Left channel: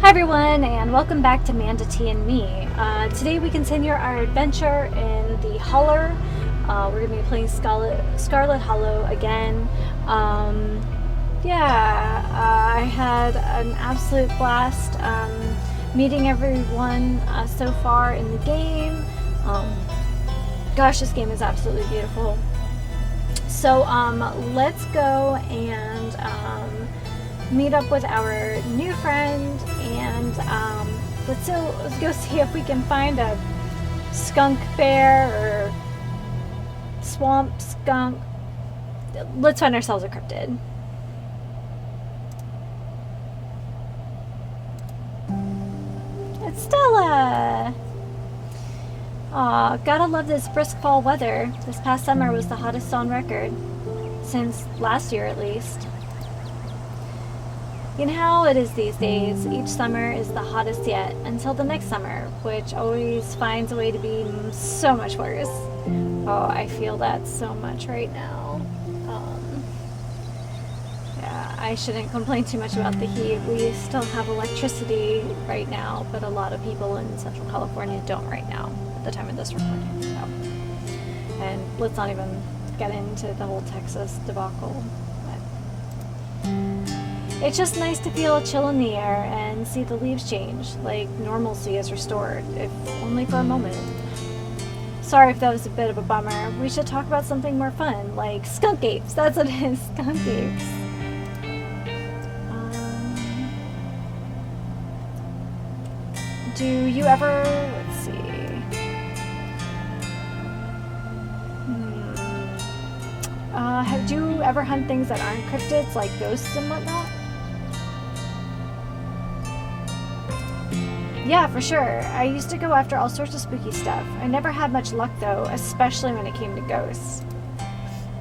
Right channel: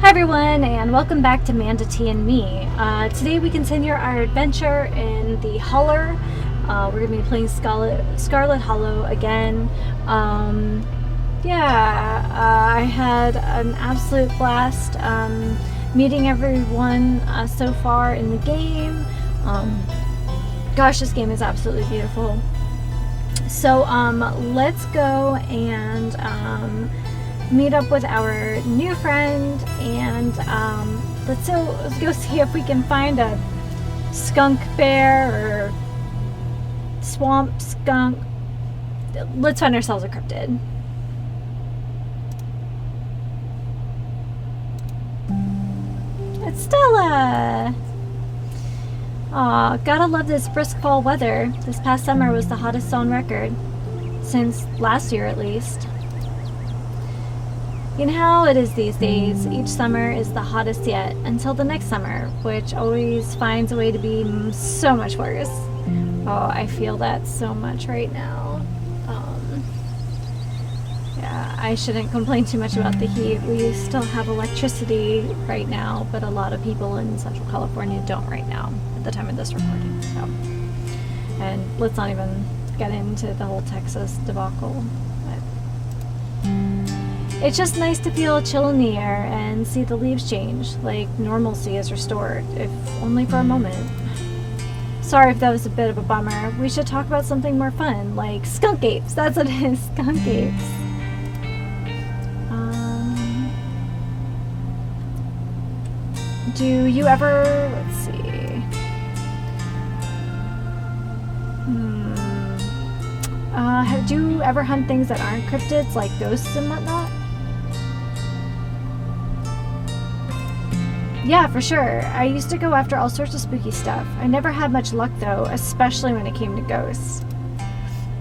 Hi everyone, and welcome back to Manda T and Me. Today we continue our adventure in the Holler. We're going to be playing Scarlet Hollow again. I had an absolute blast meeting everyone so far in the game. Gosh, this game is absolutely beautiful. So let's go and meet up with our new friend, and let's go see if we can find a skunk bear or swamp skunk. Let's find ourselves a cryptid. It's Stella! Aw, gotta love this brisk fall weather. This past summer was the hottest on record. Since last year, at least. You know how it is these days. Each summer is the hottest yet, until the next summer, which always finds a way to be so much worse. Oh, I feel that so much right now. Yeah, I shouldn't complain too much about the heat. We still have electricity right now, but a lot of people in Central California don't right now, at the time of this recording, so. And let's not even get into the whole Texas debacle. It's just nice to feel a chill in the air and see the leaves change, like normalcy is restored, if only for a moment. Sorry if that was a bit of a bummer. We should talk about something more fun, like skunk apes. That's what it is, skunk apes. Do you ever, let's see. Do you ever hunt things that aren't cryptids, like ghosts and whatnot? Yeah, for sure. I used to go after all sorts of spooky stuff. I never had much luck though, especially when it came to ghosts.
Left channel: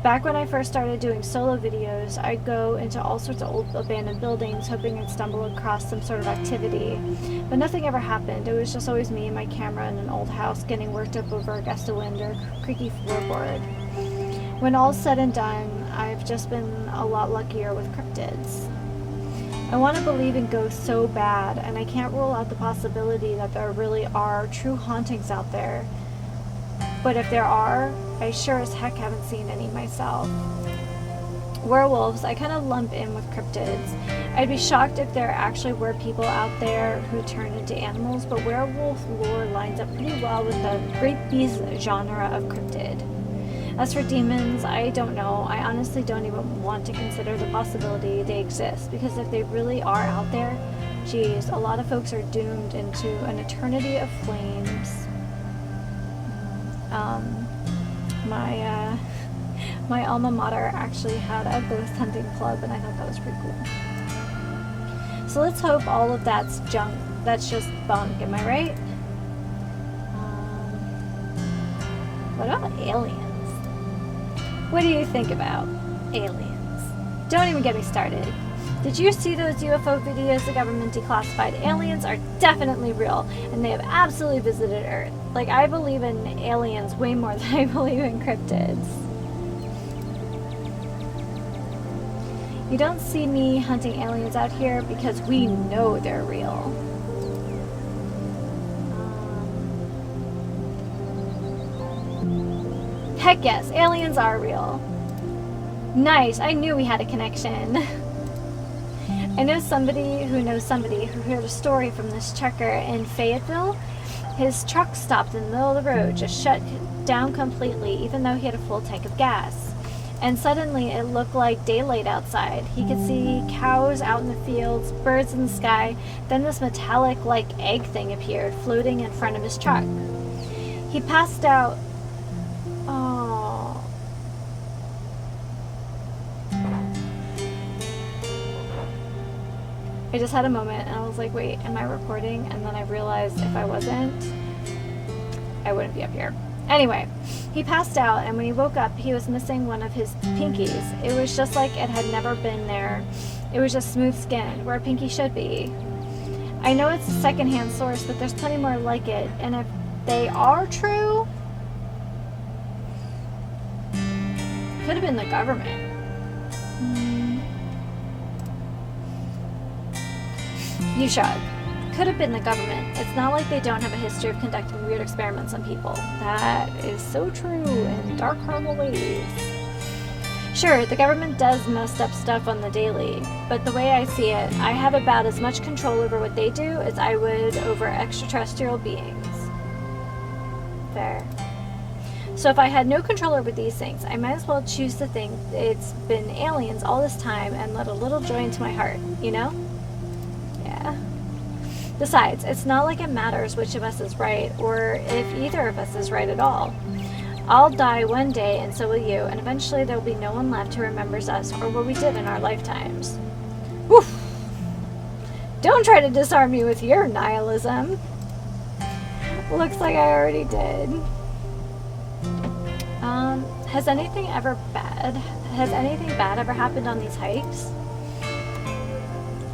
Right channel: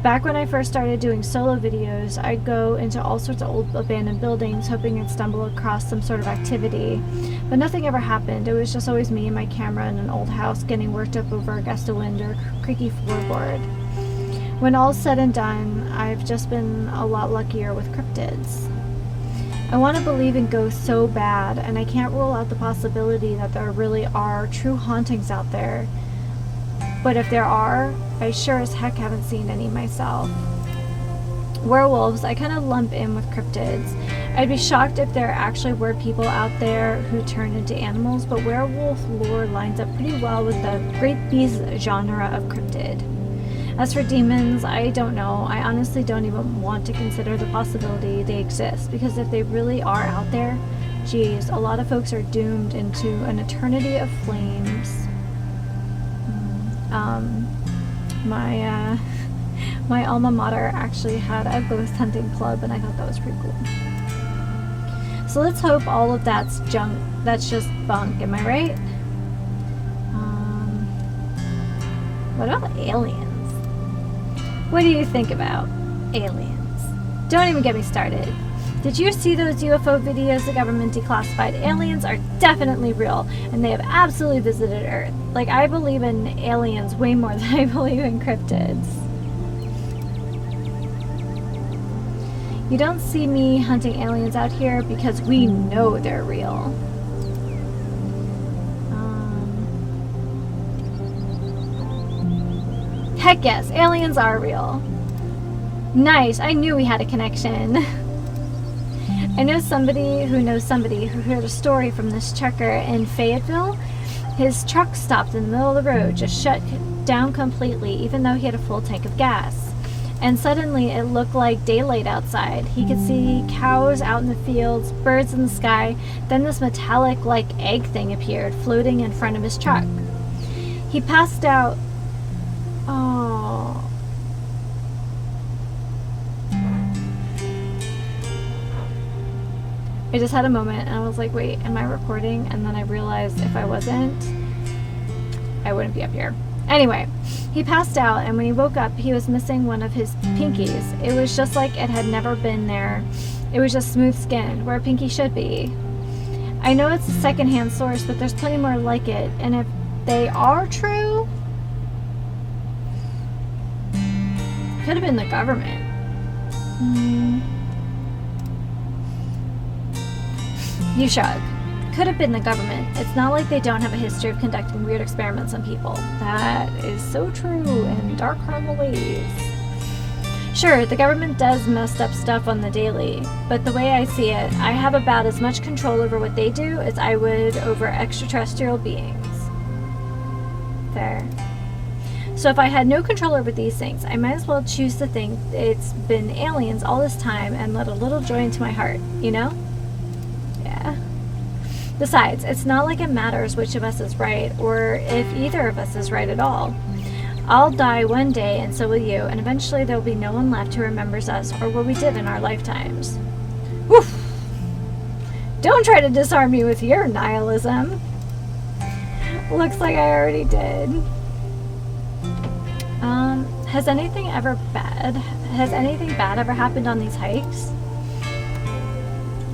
Back when I first started doing solo videos, I'd go into all sorts of old abandoned buildings hoping I'd stumble across some sort of activity. But nothing ever happened. It was just always me and my camera in an old house getting worked up over a gust of wind or creaky floorboard. When all's said and done, I've just been a lot luckier with cryptids. I want to believe in ghosts so bad, and I can't rule out the possibility that there really are true hauntings out there. But if there are, I sure as heck haven't seen any myself. Werewolves, I kind of lump in with cryptids. I'd be shocked if there actually were people out there who turn into animals, but werewolf lore lines up pretty well with the great beast genre of cryptid. As for demons, I don't know. I honestly don't even want to consider the possibility they exist, because if they really are out there, geez, a lot of folks are doomed into an eternity of flames. My alma mater actually had a ghost hunting club, and I thought that was pretty cool. So let's hope all of that's junk. That's just bunk, am I right? What about aliens? What do you think about aliens? Don't even get me started. Did you see those UFO videos the government declassified? Aliens are definitely real, and they have absolutely visited Earth. Like, I believe in aliens way more than I believe in cryptids. You don't see me hunting aliens out here because we know they're real. Heck yes, aliens are real. Nice, I knew we had a connection. I know somebody who heard a story from this trucker in Fayetteville. His truck stopped in the middle of the road, just shut down completely, even though he had a full tank of gas. And suddenly it looked like daylight outside. He could see cows out in the fields, birds in the sky, then this metallic like egg thing appeared, floating in front of his truck. He passed out. Oh. I just had a moment and I was like, wait, am I recording? And then I realized if I wasn't, I wouldn't be up here. Anyway, he passed out, and when he woke up, he was missing one of his pinkies. It was just like it had never been there. It was just smooth skin, where a pinky should be. I know it's a secondhand source, but there's plenty more like it, and if they are true, could have been the government. You shrug. could have been the government. It's not like they don't have a history of conducting weird experiments on people. That is so true in dark, horrible ways. Sure, the government does messed up stuff on the daily, but the way I see it, I have about as much control over what they do as I would over extraterrestrial beings. Fair. So if I had no control over these things, I might as well choose to think it's been aliens all this time and let a little joy into my heart, you know? Yeah. Besides, it's not like it matters which of us is right, or if either of us is right at all. I'll die one day, and so will you, and eventually there will be no one left who remembers us or what we did in our lifetimes. Woof! Don't try to disarm me with your nihilism. Looks like I already did. Has anything bad ever happened on these hikes?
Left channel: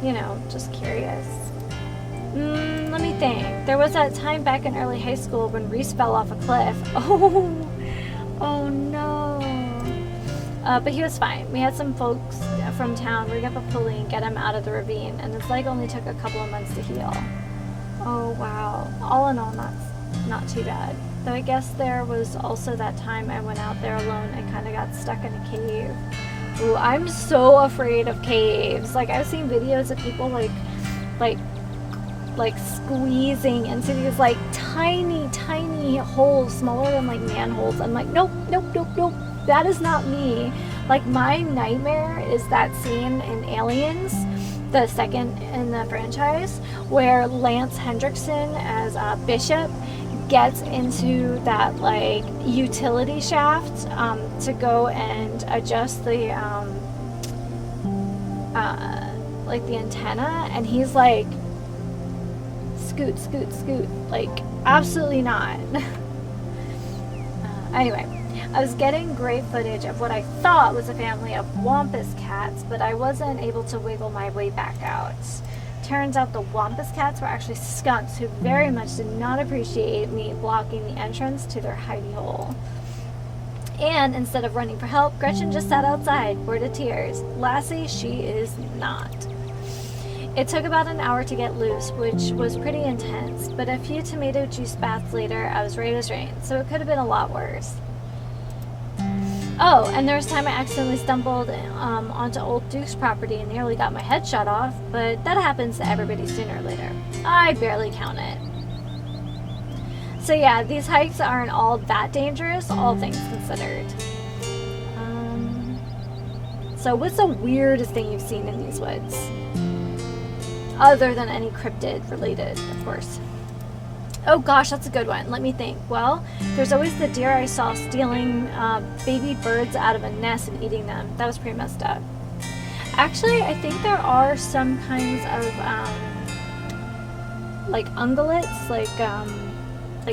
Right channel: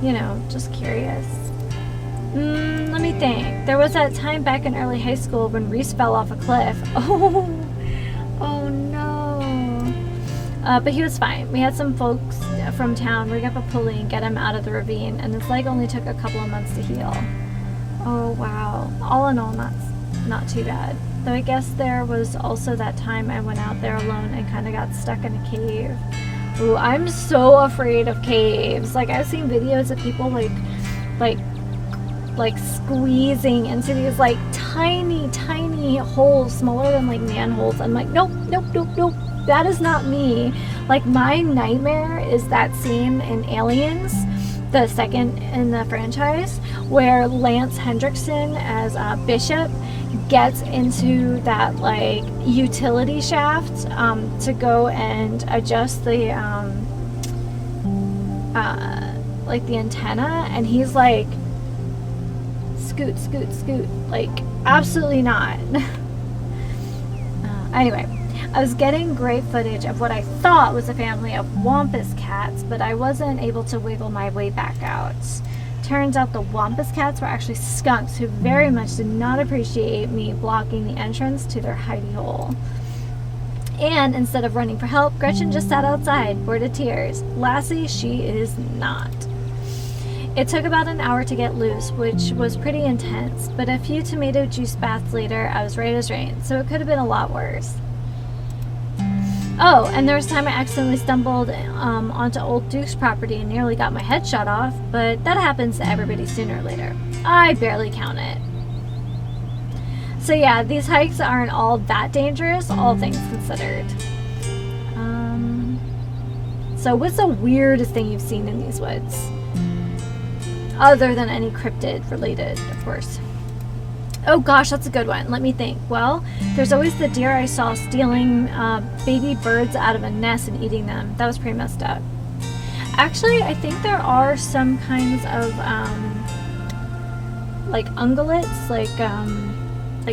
You know, just curious. Let me think. There was that time back in early high school when Reese fell off a cliff. Oh no. But he was fine. We had some folks from town rig up a pulley and get him out of the ravine, and his leg only took a couple of months to heal. Oh wow. All in all, not too bad. Though I guess there was also that time I went out there alone and kind of got stuck in a cave. Ooh, I'm so afraid of caves. Like, I've seen videos of people like squeezing into these like tiny holes, smaller than like manholes. I'm like, nope. That is not me. Like, my nightmare is that scene in Aliens, the second in the franchise, where Lance Hendrickson as Bishop gets into that like utility shaft to go and adjust the like the antenna, and he's like, scoot, like, absolutely not. Anyway, I was getting great footage of what I thought was a family of wampus cats, but I wasn't able to wiggle my way back out. Turns out the wampus cats were actually skunks who very much did not appreciate me blocking the entrance to their hidey hole. And instead of running for help, Gretchen just sat outside, bored to tears. Lassie, she is not. It took about an hour to get loose, which was pretty intense, but a few tomato juice baths later, I was right as rain, so it could have been a lot worse. Oh, and there was a time I accidentally stumbled onto Old Duke's property and nearly got my head shot off, but that happens to everybody sooner or later. I barely count it. So yeah, these hikes aren't all that dangerous, all things considered. So what's the weirdest thing you've seen in these woods? Other than any cryptid related, of course. Oh gosh, that's a good one. Let me think. Well, there's always the deer I saw stealing baby birds out of a nest and eating them. That was pretty messed up. Actually, I think there are some kinds of like ungulates, like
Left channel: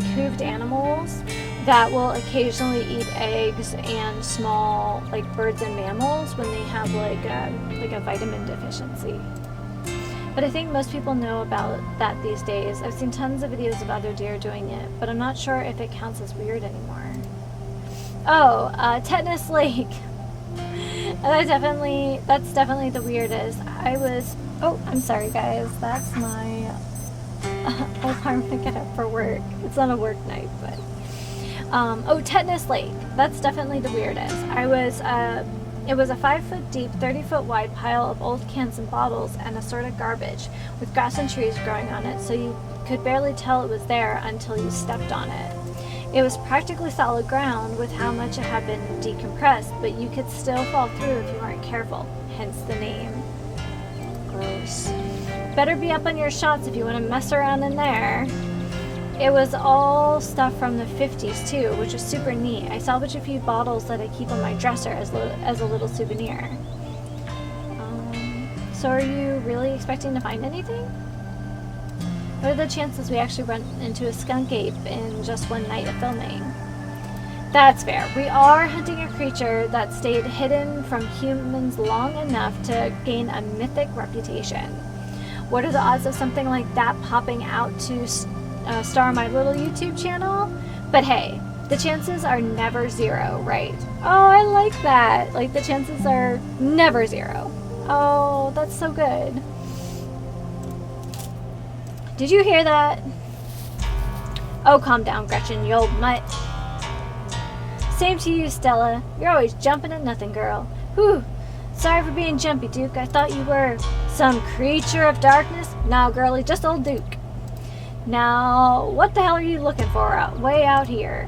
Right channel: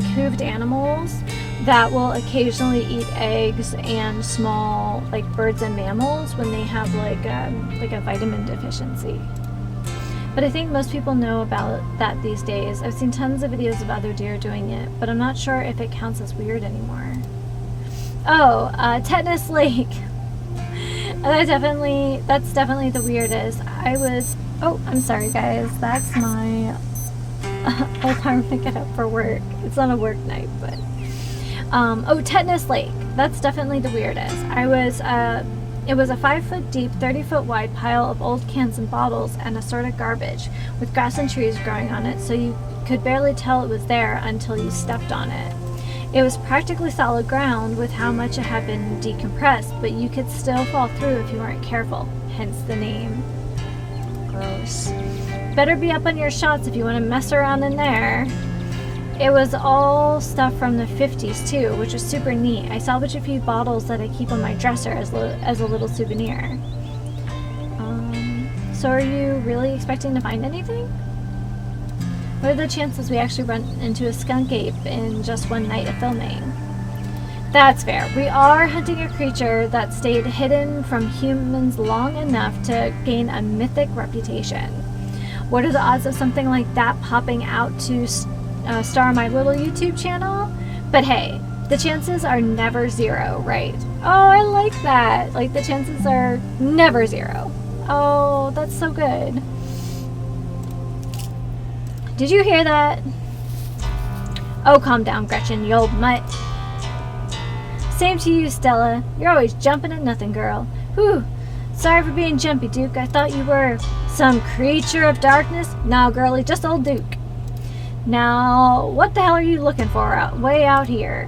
hooved animals that will occasionally eat eggs and small like birds and mammals when they have like a vitamin deficiency. But I think most people know about that these days. I've seen tons of videos of other deer doing it, but I'm not sure if it counts as weird anymore. Oh, Tetanus Lake. That's definitely the weirdest. Oh, I'm sorry guys, that's my alarm to get up for work. It's not a work night, but oh, Tetanus Lake. That's definitely the weirdest. It was a 5-foot deep, 30-foot wide pile of old cans and bottles and assorted garbage, with grass and trees growing on it, so you could barely tell it was there until you stepped on it. It was practically solid ground with how much it had been decompressed, but you could still fall through if you weren't careful, hence the name. Gross. Better be up on your shots if you want to mess around in there. It was all stuff from the 50s too, which was super neat. I salvaged a few bottles that I keep on my dresser as a little souvenir. So are you really expecting to find anything? What are the chances we actually run into a skunk ape in just one night of filming? That's fair. We are hunting a creature that stayed hidden from humans long enough to gain a mythic reputation. What are the odds of something like that popping out to star my little YouTube channel? But hey, the chances are never zero, right? Oh, I like that. Like, the chances are never zero. Oh, that's so good. Did you hear that? Oh, calm down, Gretchen, you old mutt. Same to you, Stella. You're always jumping at nothing, girl. Whew. Sorry for being jumpy, Duke. I thought you were some creature of darkness. Nah, girlie, just old Duke. Now, what the hell are you looking for way out here?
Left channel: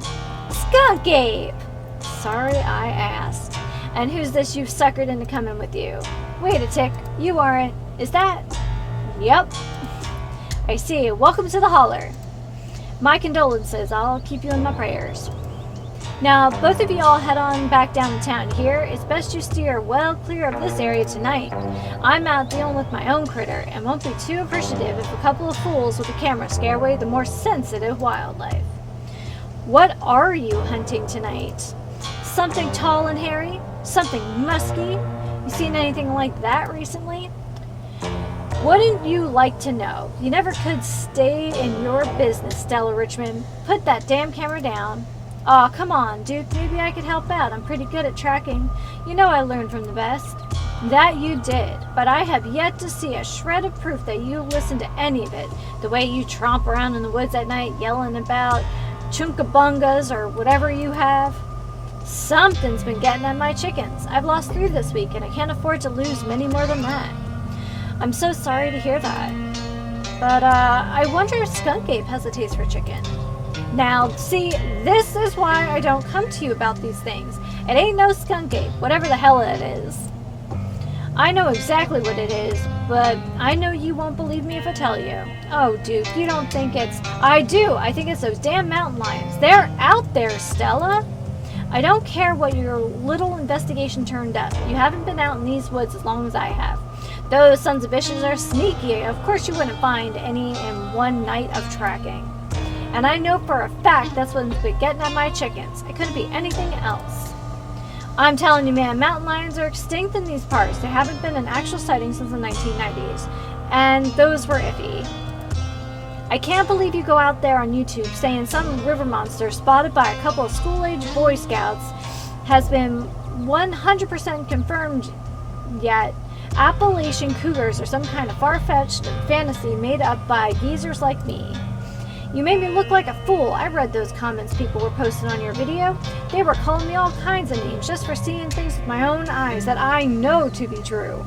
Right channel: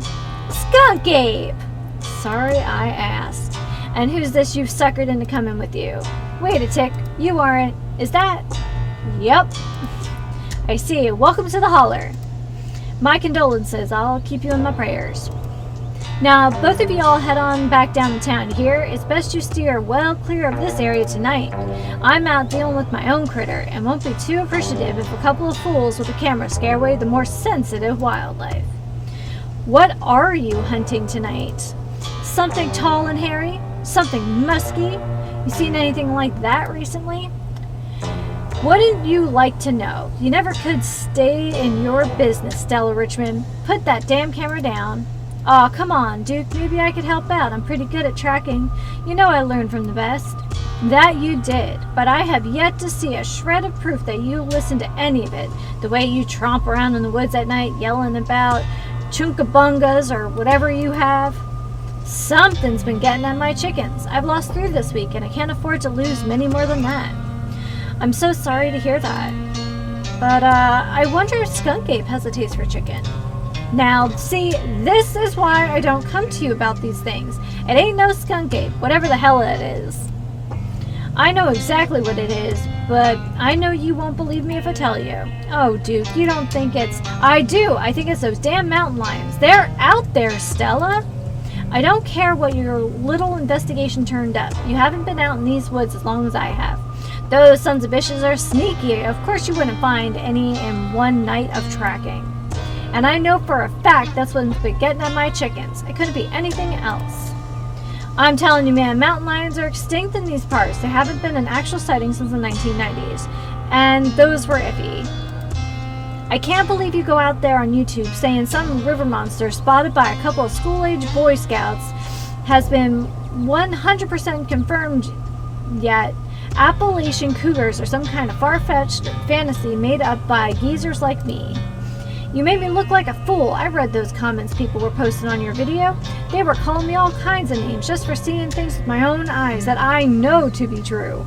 Skunk Ape! Sorry I asked. And who's this you've suckered into coming with you? Wait a tick. You aren't. Is that? Yep. I see. Welcome to the holler. My condolences. I'll keep you in my prayers. Now, both of you all head on back down the town here. It's best you steer well clear of this area tonight. I'm out dealing with my own critter and won't be too appreciative if a couple of fools with a camera scare away the more sensitive wildlife. What are you hunting tonight? Something tall and hairy? Something musky? You seen anything like that recently? Wouldn't you like to know? You never could stay in your business, Stella Richmond. Put that damn camera down. Aw, come on, Duke. Maybe I could help out. I'm pretty good at tracking. You know I learned from the best. That you did, but I have yet to see a shred of proof that you listened to any of it. The way you tromp around in the woods at night yelling about chunkabungas or whatever you have. Something's been getting at my chickens. I've lost 3 this week and I can't afford to lose many more than that. I'm so sorry to hear that. But I wonder if Skunk Ape has a taste for chicken. Now, see, this is why I don't come to you about these things. It ain't no Skunk Ape, whatever the hell it is. I know exactly what it is, but I know you won't believe me if I tell you. Oh, Duke, you don't think it's... I do. I think it's those damn mountain lions. They're out there, Stella. I don't care what your little investigation turned up. You haven't been out in these woods as long as I have. Those sons of bitches are sneaky. Of course you wouldn't find any in one night of tracking. And I know for a fact that's what's been getting at my chickens. It couldn't be anything else. I'm telling you, man, mountain lions are extinct in these parts. There haven't been an actual sighting since the 1990s. And those were iffy. I can't believe you go out there on YouTube saying some river monster spotted by a couple of school-age Boy Scouts has been 100% confirmed yet. Appalachian cougars are some kind of far-fetched fantasy made up by geezers like me. You made me look like a fool. I read those comments people were posting on your video. They were calling me all kinds of names just for seeing things with my own eyes that I know to be true.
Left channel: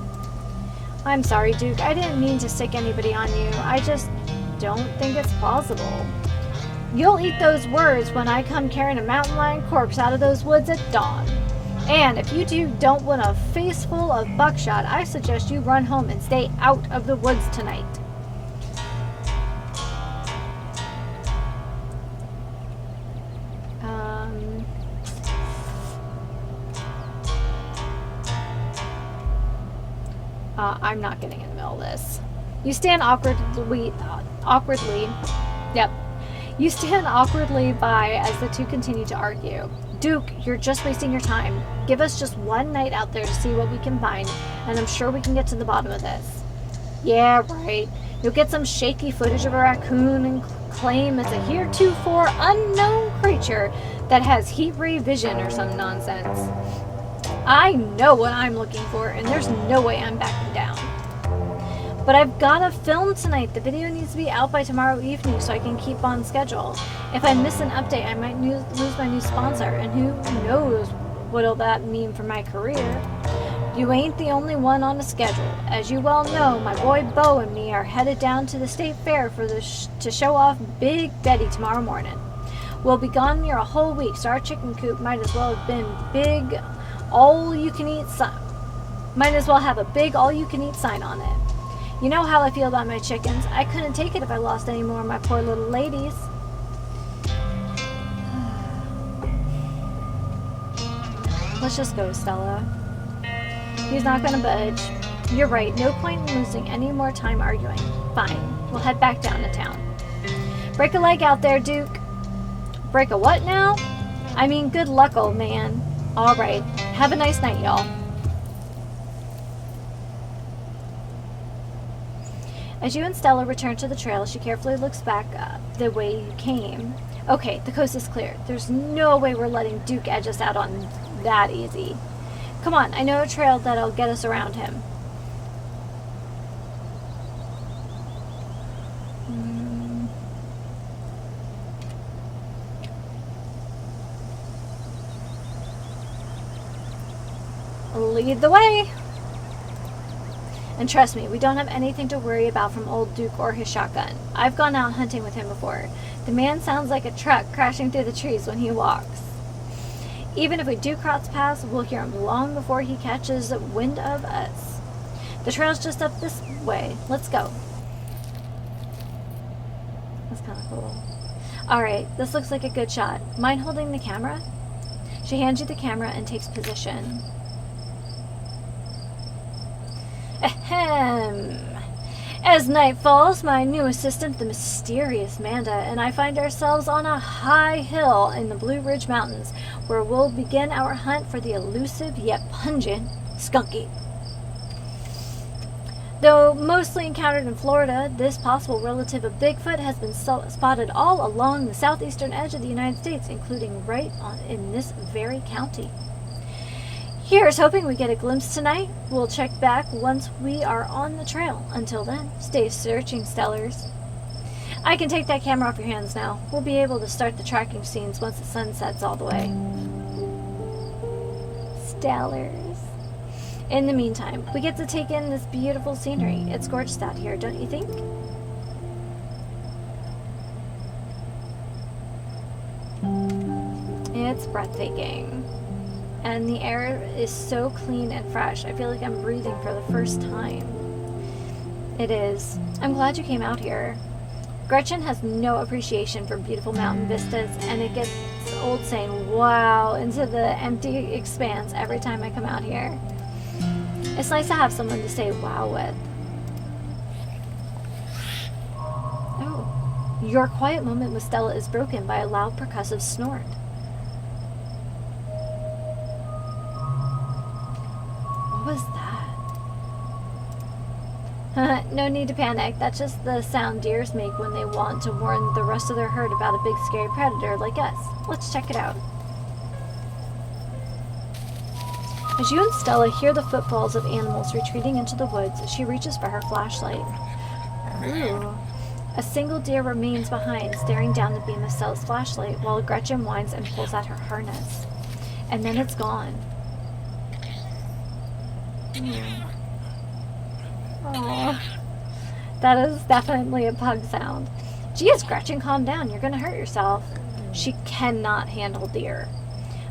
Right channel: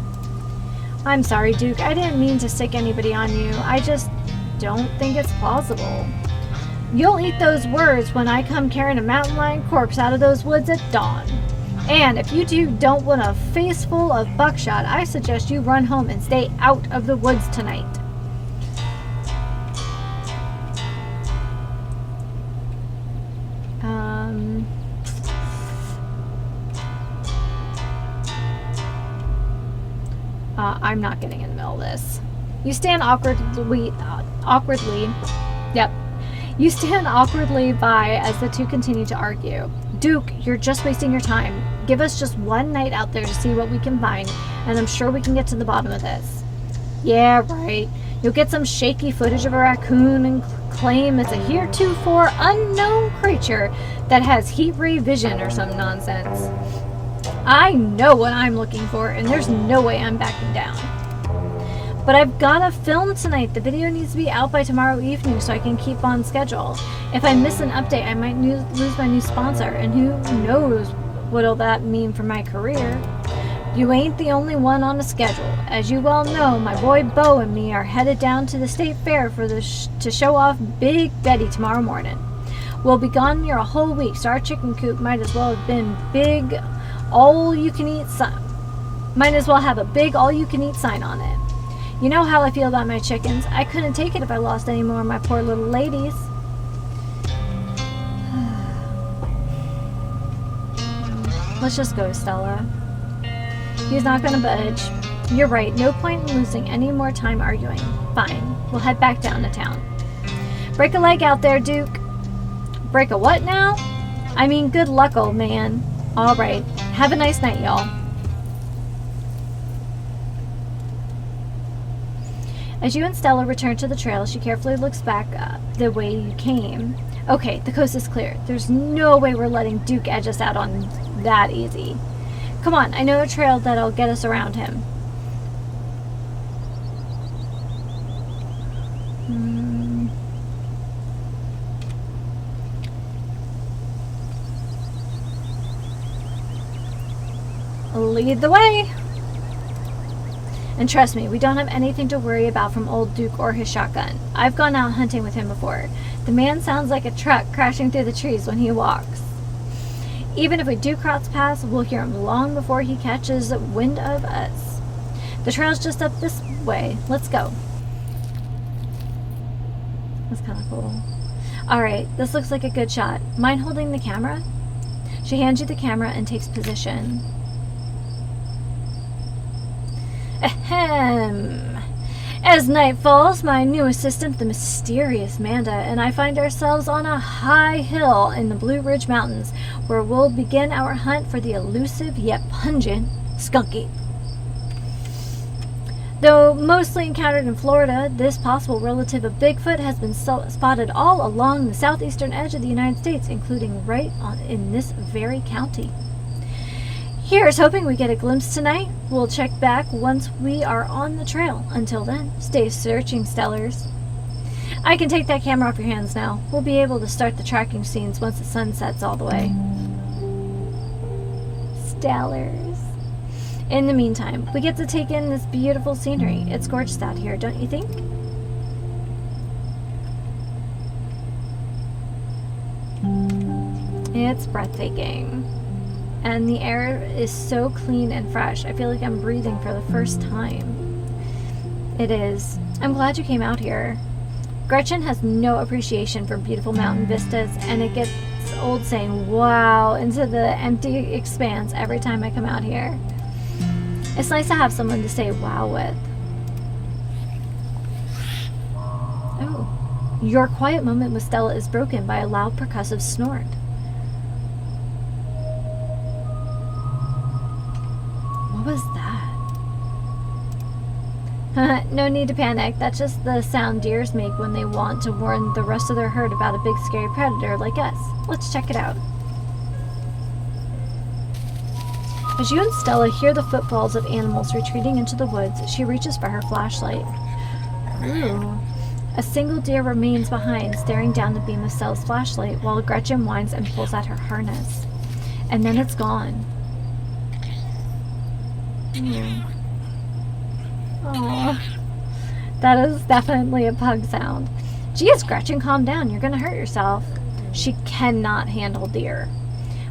I'm sorry, Duke. I didn't mean to stick anybody on you. I just don't think it's plausible. You'll eat those words when I come carrying a mountain lion corpse out of those woods at dawn. And if you two don't want a face full of buckshot, I suggest you run home and stay out of the woods tonight. I'm not getting in the middle of this. You stand awkwardly, yep. You stand awkwardly by as the two continue to argue. Duke, you're just wasting your time. Give us just one night out there to see what we can find, and I'm sure we can get to the bottom of this. Yeah, right. You'll get some shaky footage of a raccoon and claim it's a heretofore unknown creature that has heat ray vision or some nonsense. I know what I'm looking for, and there's no way I'm backing down. But I've got to film tonight. The video needs to be out by tomorrow evening so I can keep on schedule. If I miss an update, I might lose my new sponsor, and who knows what'll that mean for my career. You ain't the only one on the schedule. As you well know, my boy Bo and me are headed down to the state fair for to show off Big Betty tomorrow morning. We'll be gone near a whole week, so our chicken coop might as well have been big all-you-can-eat might as well have a big all-you-can-eat sign on it. You know how I feel about my chickens. I couldn't take it if I lost any more of my poor little ladies. Let's just go, Stella. He's not gonna budge. You're right, no point in losing any more time arguing. Fine, we'll head back down to town. Break a leg out there, Duke. Break a what now? I mean, good luck, old man. All right, have a nice night, y'all. As you and Stella return to the trail, she carefully looks back the way you came. Okay, the coast is clear. There's no way we're letting Duke edge us out on that easy. Come on, I know a trail that'll get us around him. Lead the way! And trust me, we don't have anything to worry about from old Duke or his shotgun. I've gone out hunting with him before. The man sounds like a truck crashing through the trees when he walks. Even if we do cross paths, we'll hear him long before he catches wind of us. The trail's just up this way. Let's go. That's kind of cool. Alright, this looks like a good shot. Mind holding the camera? She hands you the camera and takes position. Ahem. As night falls, my new assistant, the mysterious Manda, and I find ourselves on a high hill in the Blue Ridge Mountains, where we'll begin our hunt for the elusive yet pungent skunky. Though mostly encountered in Florida, this possible relative of Bigfoot has been spotted all along the southeastern edge of the United States, including in this very county. Here's hoping we get a glimpse tonight. We'll check back once we are on the trail. Until then, stay searching, Stellars. I can take that camera off your hands now. We'll be able to start the tracking scenes once the sun sets all the way. Stellars. In the meantime, we get to take in this beautiful scenery. It's gorgeous out here, don't you think? It's breathtaking. And the air is so clean and fresh. I feel like I'm breathing for the first time. It is. I'm glad you came out here. Gretchen has no appreciation for beautiful mountain vistas, and it gets old saying wow into the empty expanse every time I come out here. It's nice to have someone to say wow with. Oh. Your quiet moment with Stella is broken by a loud percussive snort. What was that? No need to panic. That's just the sound deers make when they want to warn the rest of their herd about a big scary predator like us. Let's check it out. As you and Stella hear the footfalls of animals retreating into the woods, she reaches for her flashlight. Ooh. A single deer remains behind, staring down the beam of Stella's flashlight, while Gretchen whines and pulls out her harness. And then it's gone. Oh, that is definitely a pug sound. Geez, Gretchen, calm down. You're gonna hurt yourself. She cannot handle deer.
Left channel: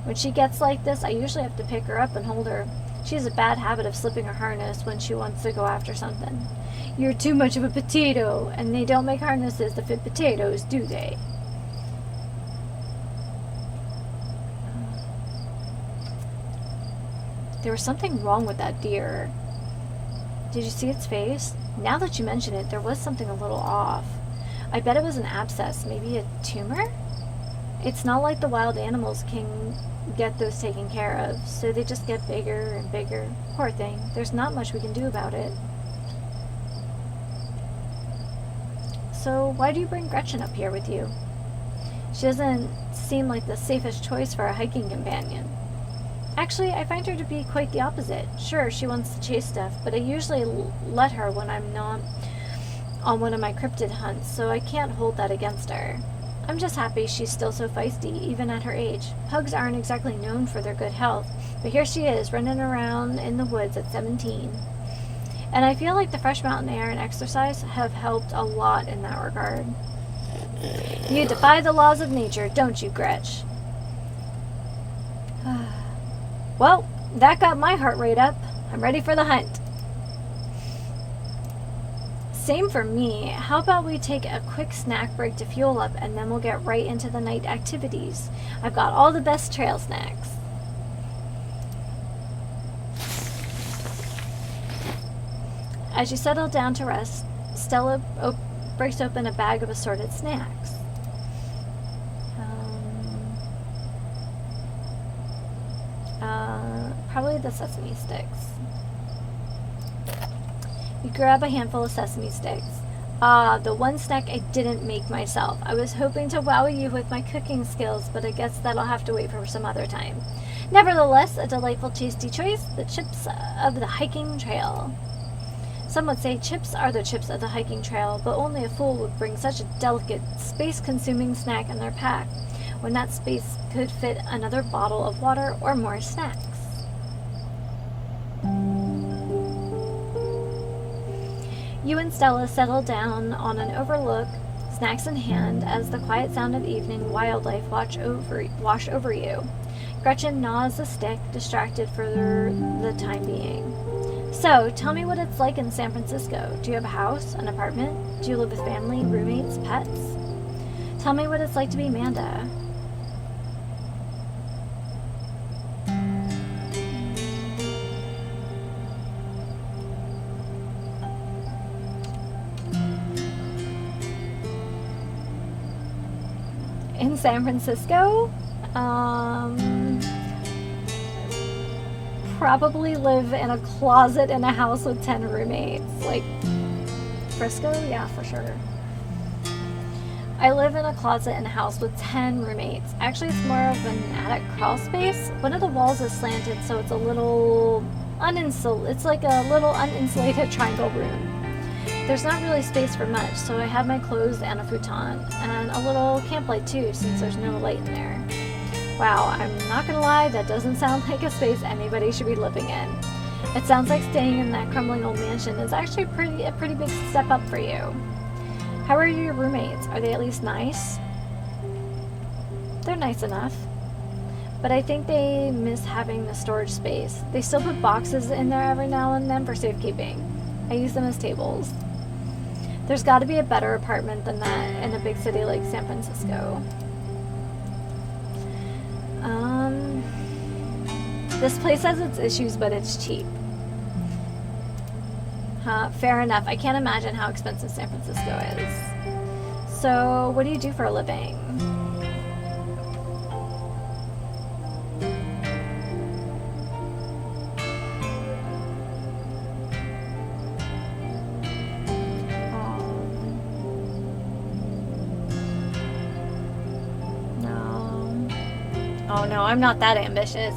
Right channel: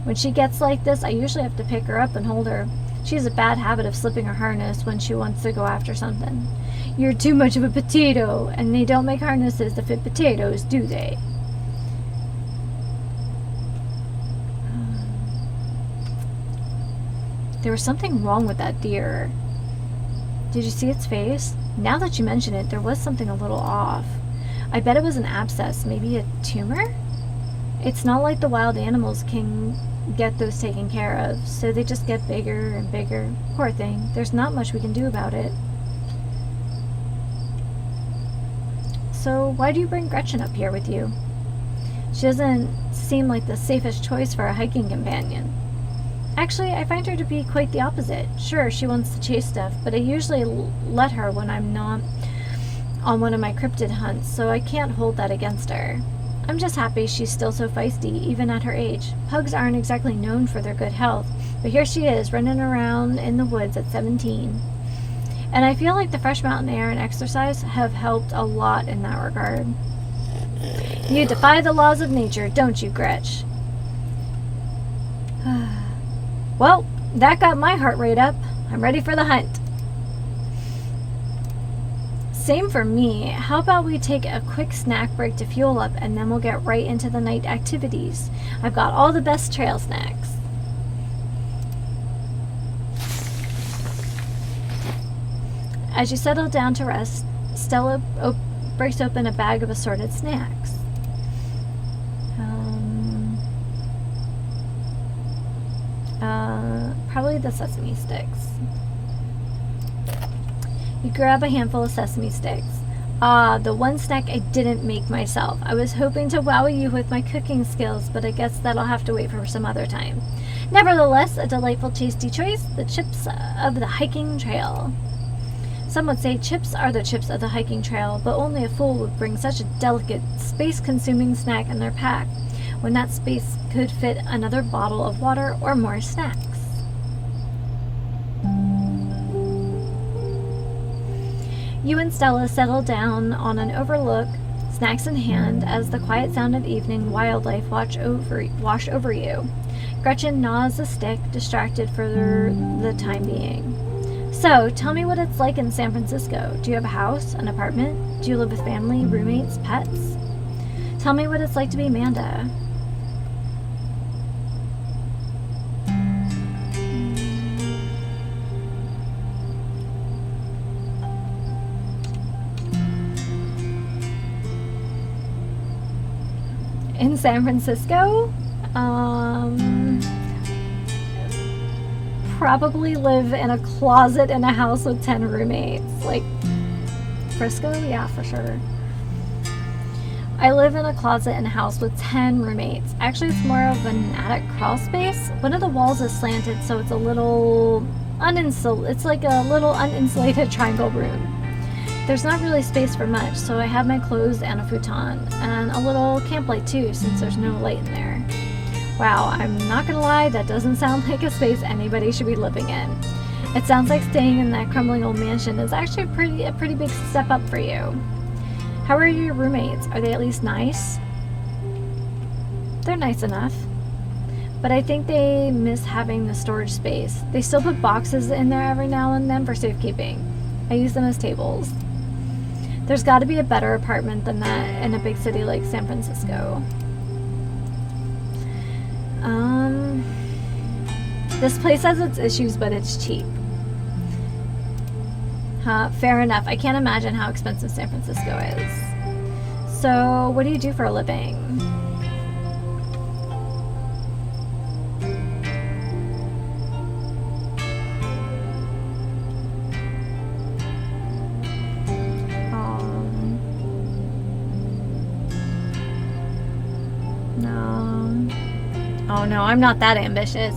When she gets like this, I usually have to pick her up and hold her. She has a bad habit of slipping her harness when she wants to go after something. You're too much of a potato, and they don't make harnesses to fit potatoes, do they? There was something wrong with that deer. Did you see its face? Now that you mention it, there was something a little off. I bet it was an abscess, maybe a tumor? It's not like the wild animals can get those taken care of, so they just get bigger and bigger. Poor thing. There's not much we can do about it. So why do you bring Gretchen up here with you? She doesn't seem like the safest choice for a hiking companion. Actually, I find her to be quite the opposite. Sure, she wants to chase stuff, but I usually let her when I'm not on one of my cryptid hunts, so I can't hold that against her. I'm just happy she's still so feisty, even at her age. Pugs aren't exactly known for their good health, but here she is, running around in the woods at 17. And I feel like the fresh mountain air and exercise have helped a lot in that regard. You defy the laws of nature, don't you, Gretch? Well, that got my heart rate up. I'm ready for the hunt. Same for me. How about we take a quick snack break to fuel up, and then we'll get right into the night activities. I've got all the best trail snacks. As you settle down to rest, Stella breaks open a bag of assorted snacks. Probably the sesame sticks. You grab a handful of sesame sticks. Ah, the one snack I didn't make myself. I was hoping to wow you with my cooking skills, but I guess that'll have to wait for some other time. Nevertheless, a delightful, tasty choice, the chips of the hiking trail. Some would say chips are the chips of the hiking trail, but only a fool would bring such a delicate, space-consuming snack in their pack, when that space could fit another bottle of water or more snacks. You and Stella settle down on an overlook, snacks in hand, as the quiet sound of evening wildlife wash over you. Gretchen gnaws the stick, distracted for the time being. So, tell me what it's like in San Francisco. Do you have a house, an apartment? Do you live with family, roommates, pets? Tell me what it's like to be Amanda. In San Francisco? Probably live in a closet in a house with 10 roommates. Like, Frisco? Yeah, for sure. I live in a closet in a house with 10 roommates. Actually, it's more of an attic crawl space. One of the walls is slanted, so it's a little it's like a little uninsulated triangle room. There's not really space for much, so I have my clothes and a futon, and a little camp light too, since there's no light in there. Wow, I'm not gonna lie, that doesn't sound like a space anybody should be living in. It sounds like staying in that crumbling old mansion is actually a pretty big step up for you. How are your roommates? Are they at least nice? They're nice enough. But I think they miss having the storage space. They still put boxes in there every now and then for safekeeping. I use them as tables. There's got to be a better apartment than that in a big city like San Francisco. This place has its issues, but it's cheap. Fair enough. I can't imagine how expensive San Francisco is. So, what do you do for a living? No. Oh no, I'm not that ambitious.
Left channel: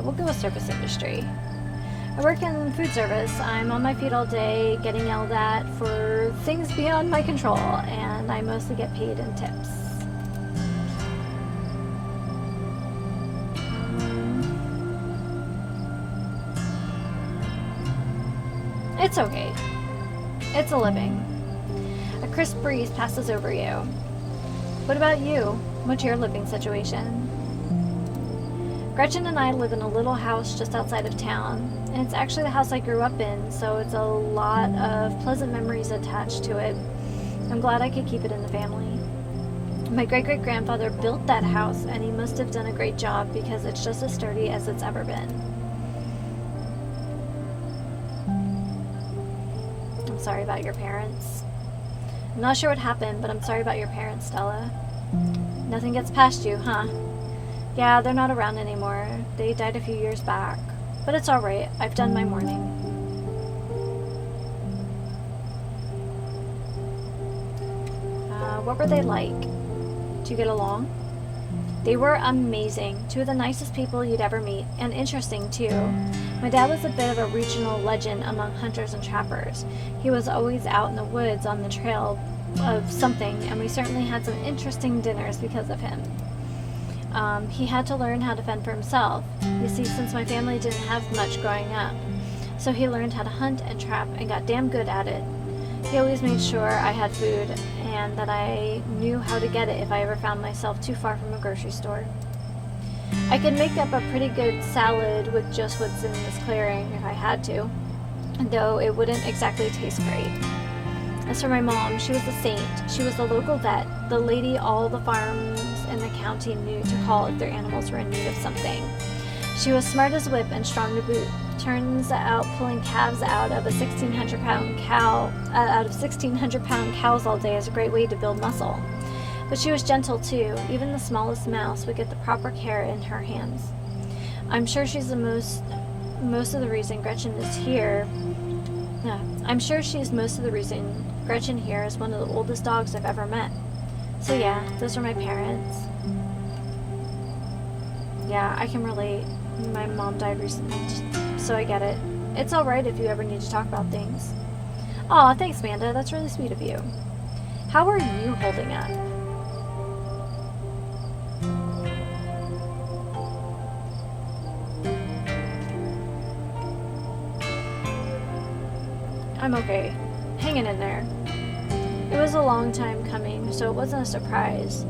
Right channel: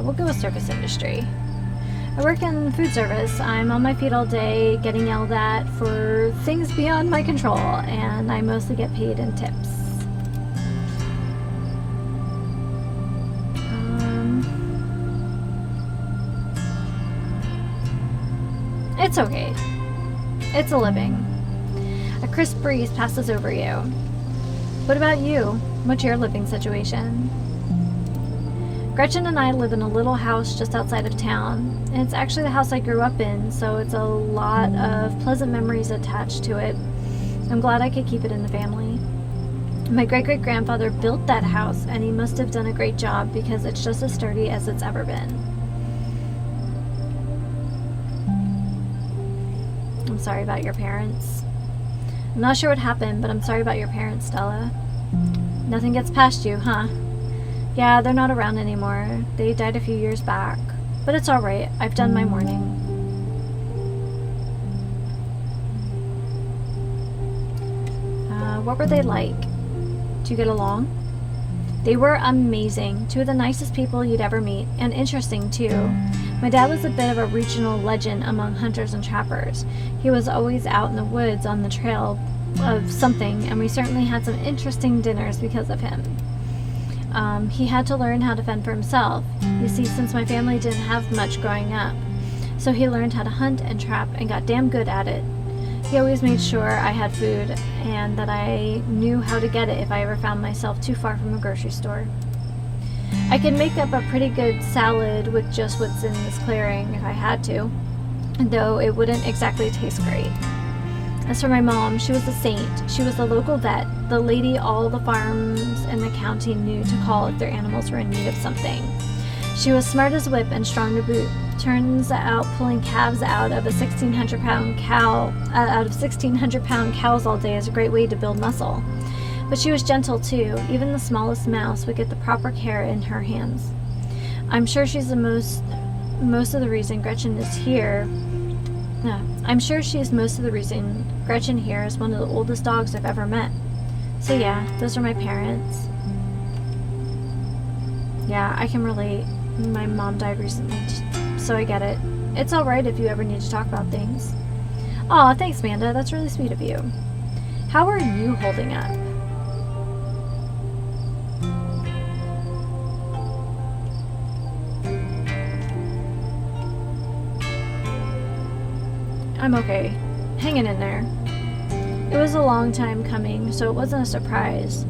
We'll go with service industry. I work in food service. I'm on my feet all day, getting yelled at for things beyond my control, and I mostly get paid in tips. It's okay. It's a living. A crisp breeze passes over you. What about you? What's your living situation? Gretchen and I live in a little house just outside of town, and it's actually the house I grew up in, so it's a lot of pleasant memories attached to it. I'm glad I could keep it in the family. My great-great-grandfather built that house, and he must have done a great job because it's just as sturdy as it's ever been. I'm sorry about your parents. I'm not sure what happened, but I'm sorry about your parents, Stella. Nothing gets past you, huh? Yeah, they're not around anymore. They died a few years back. But it's alright. I've done my mourning. What were they like? Do you get along? They were amazing. Two of the nicest people you'd ever meet. And interesting, too. My dad was a bit of a regional legend among hunters and trappers. He was always out in the woods on the trail of something, and we certainly had some interesting dinners because of him. He had to learn how to fend for himself. You see, since my family didn't have much growing up, so he learned how to hunt and trap and got damn good at it. He always made sure I had food and that I knew how to get it if I ever found myself too far from a grocery store. I could make up a pretty good salad with just what's in this clearing if I had to, though it wouldn't exactly taste great. As for my mom, she was a saint. She was the local vet, the lady all the farms in the county knew to call if their animals were in need of something. She was smart as a whip and strong to boot. Turns out pulling calves out of a 1,600-pound cows all day is a great way to build muscle. But she was gentle too. Even the smallest mouse would get the proper care in her hands. I'm sure she's most of the reason Gretchen is here. I'm sure she's most of the reason Gretchen here is one of the oldest dogs I've ever met. So yeah, those are my parents. Yeah, I can relate. My mom died recently, so I get it. It's alright if you ever need to talk about things. Aw, thanks, Amanda. That's really sweet of you. How are you holding up? I'm okay. Hanging in there. It was a long time coming, so it wasn't a surprise.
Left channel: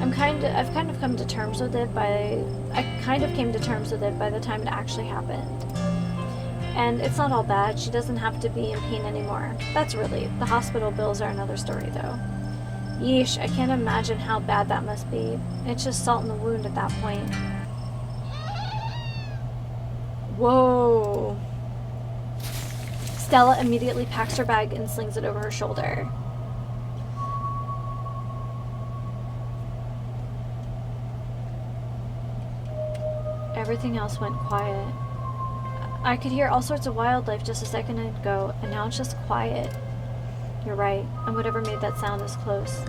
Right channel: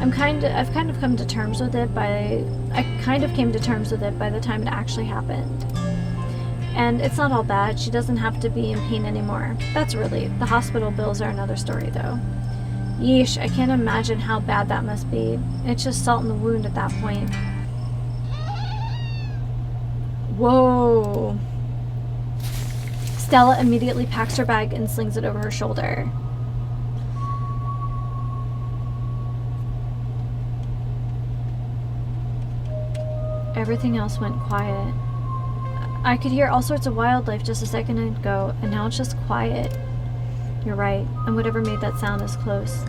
I've kind of come to terms with it I kind of came to terms with it by the time it actually happened. And it's not all bad. She doesn't have to be in pain anymore. That's a relief. The hospital bills are another story, though. Yeesh, I can't imagine how bad that must be. It's just salt in the wound at that point. Whoa. Stella immediately packs her bag and slings it over her shoulder. Everything else went quiet. I could hear all sorts of wildlife just a second ago, and now it's just quiet. You're right, and whatever made that sound is close.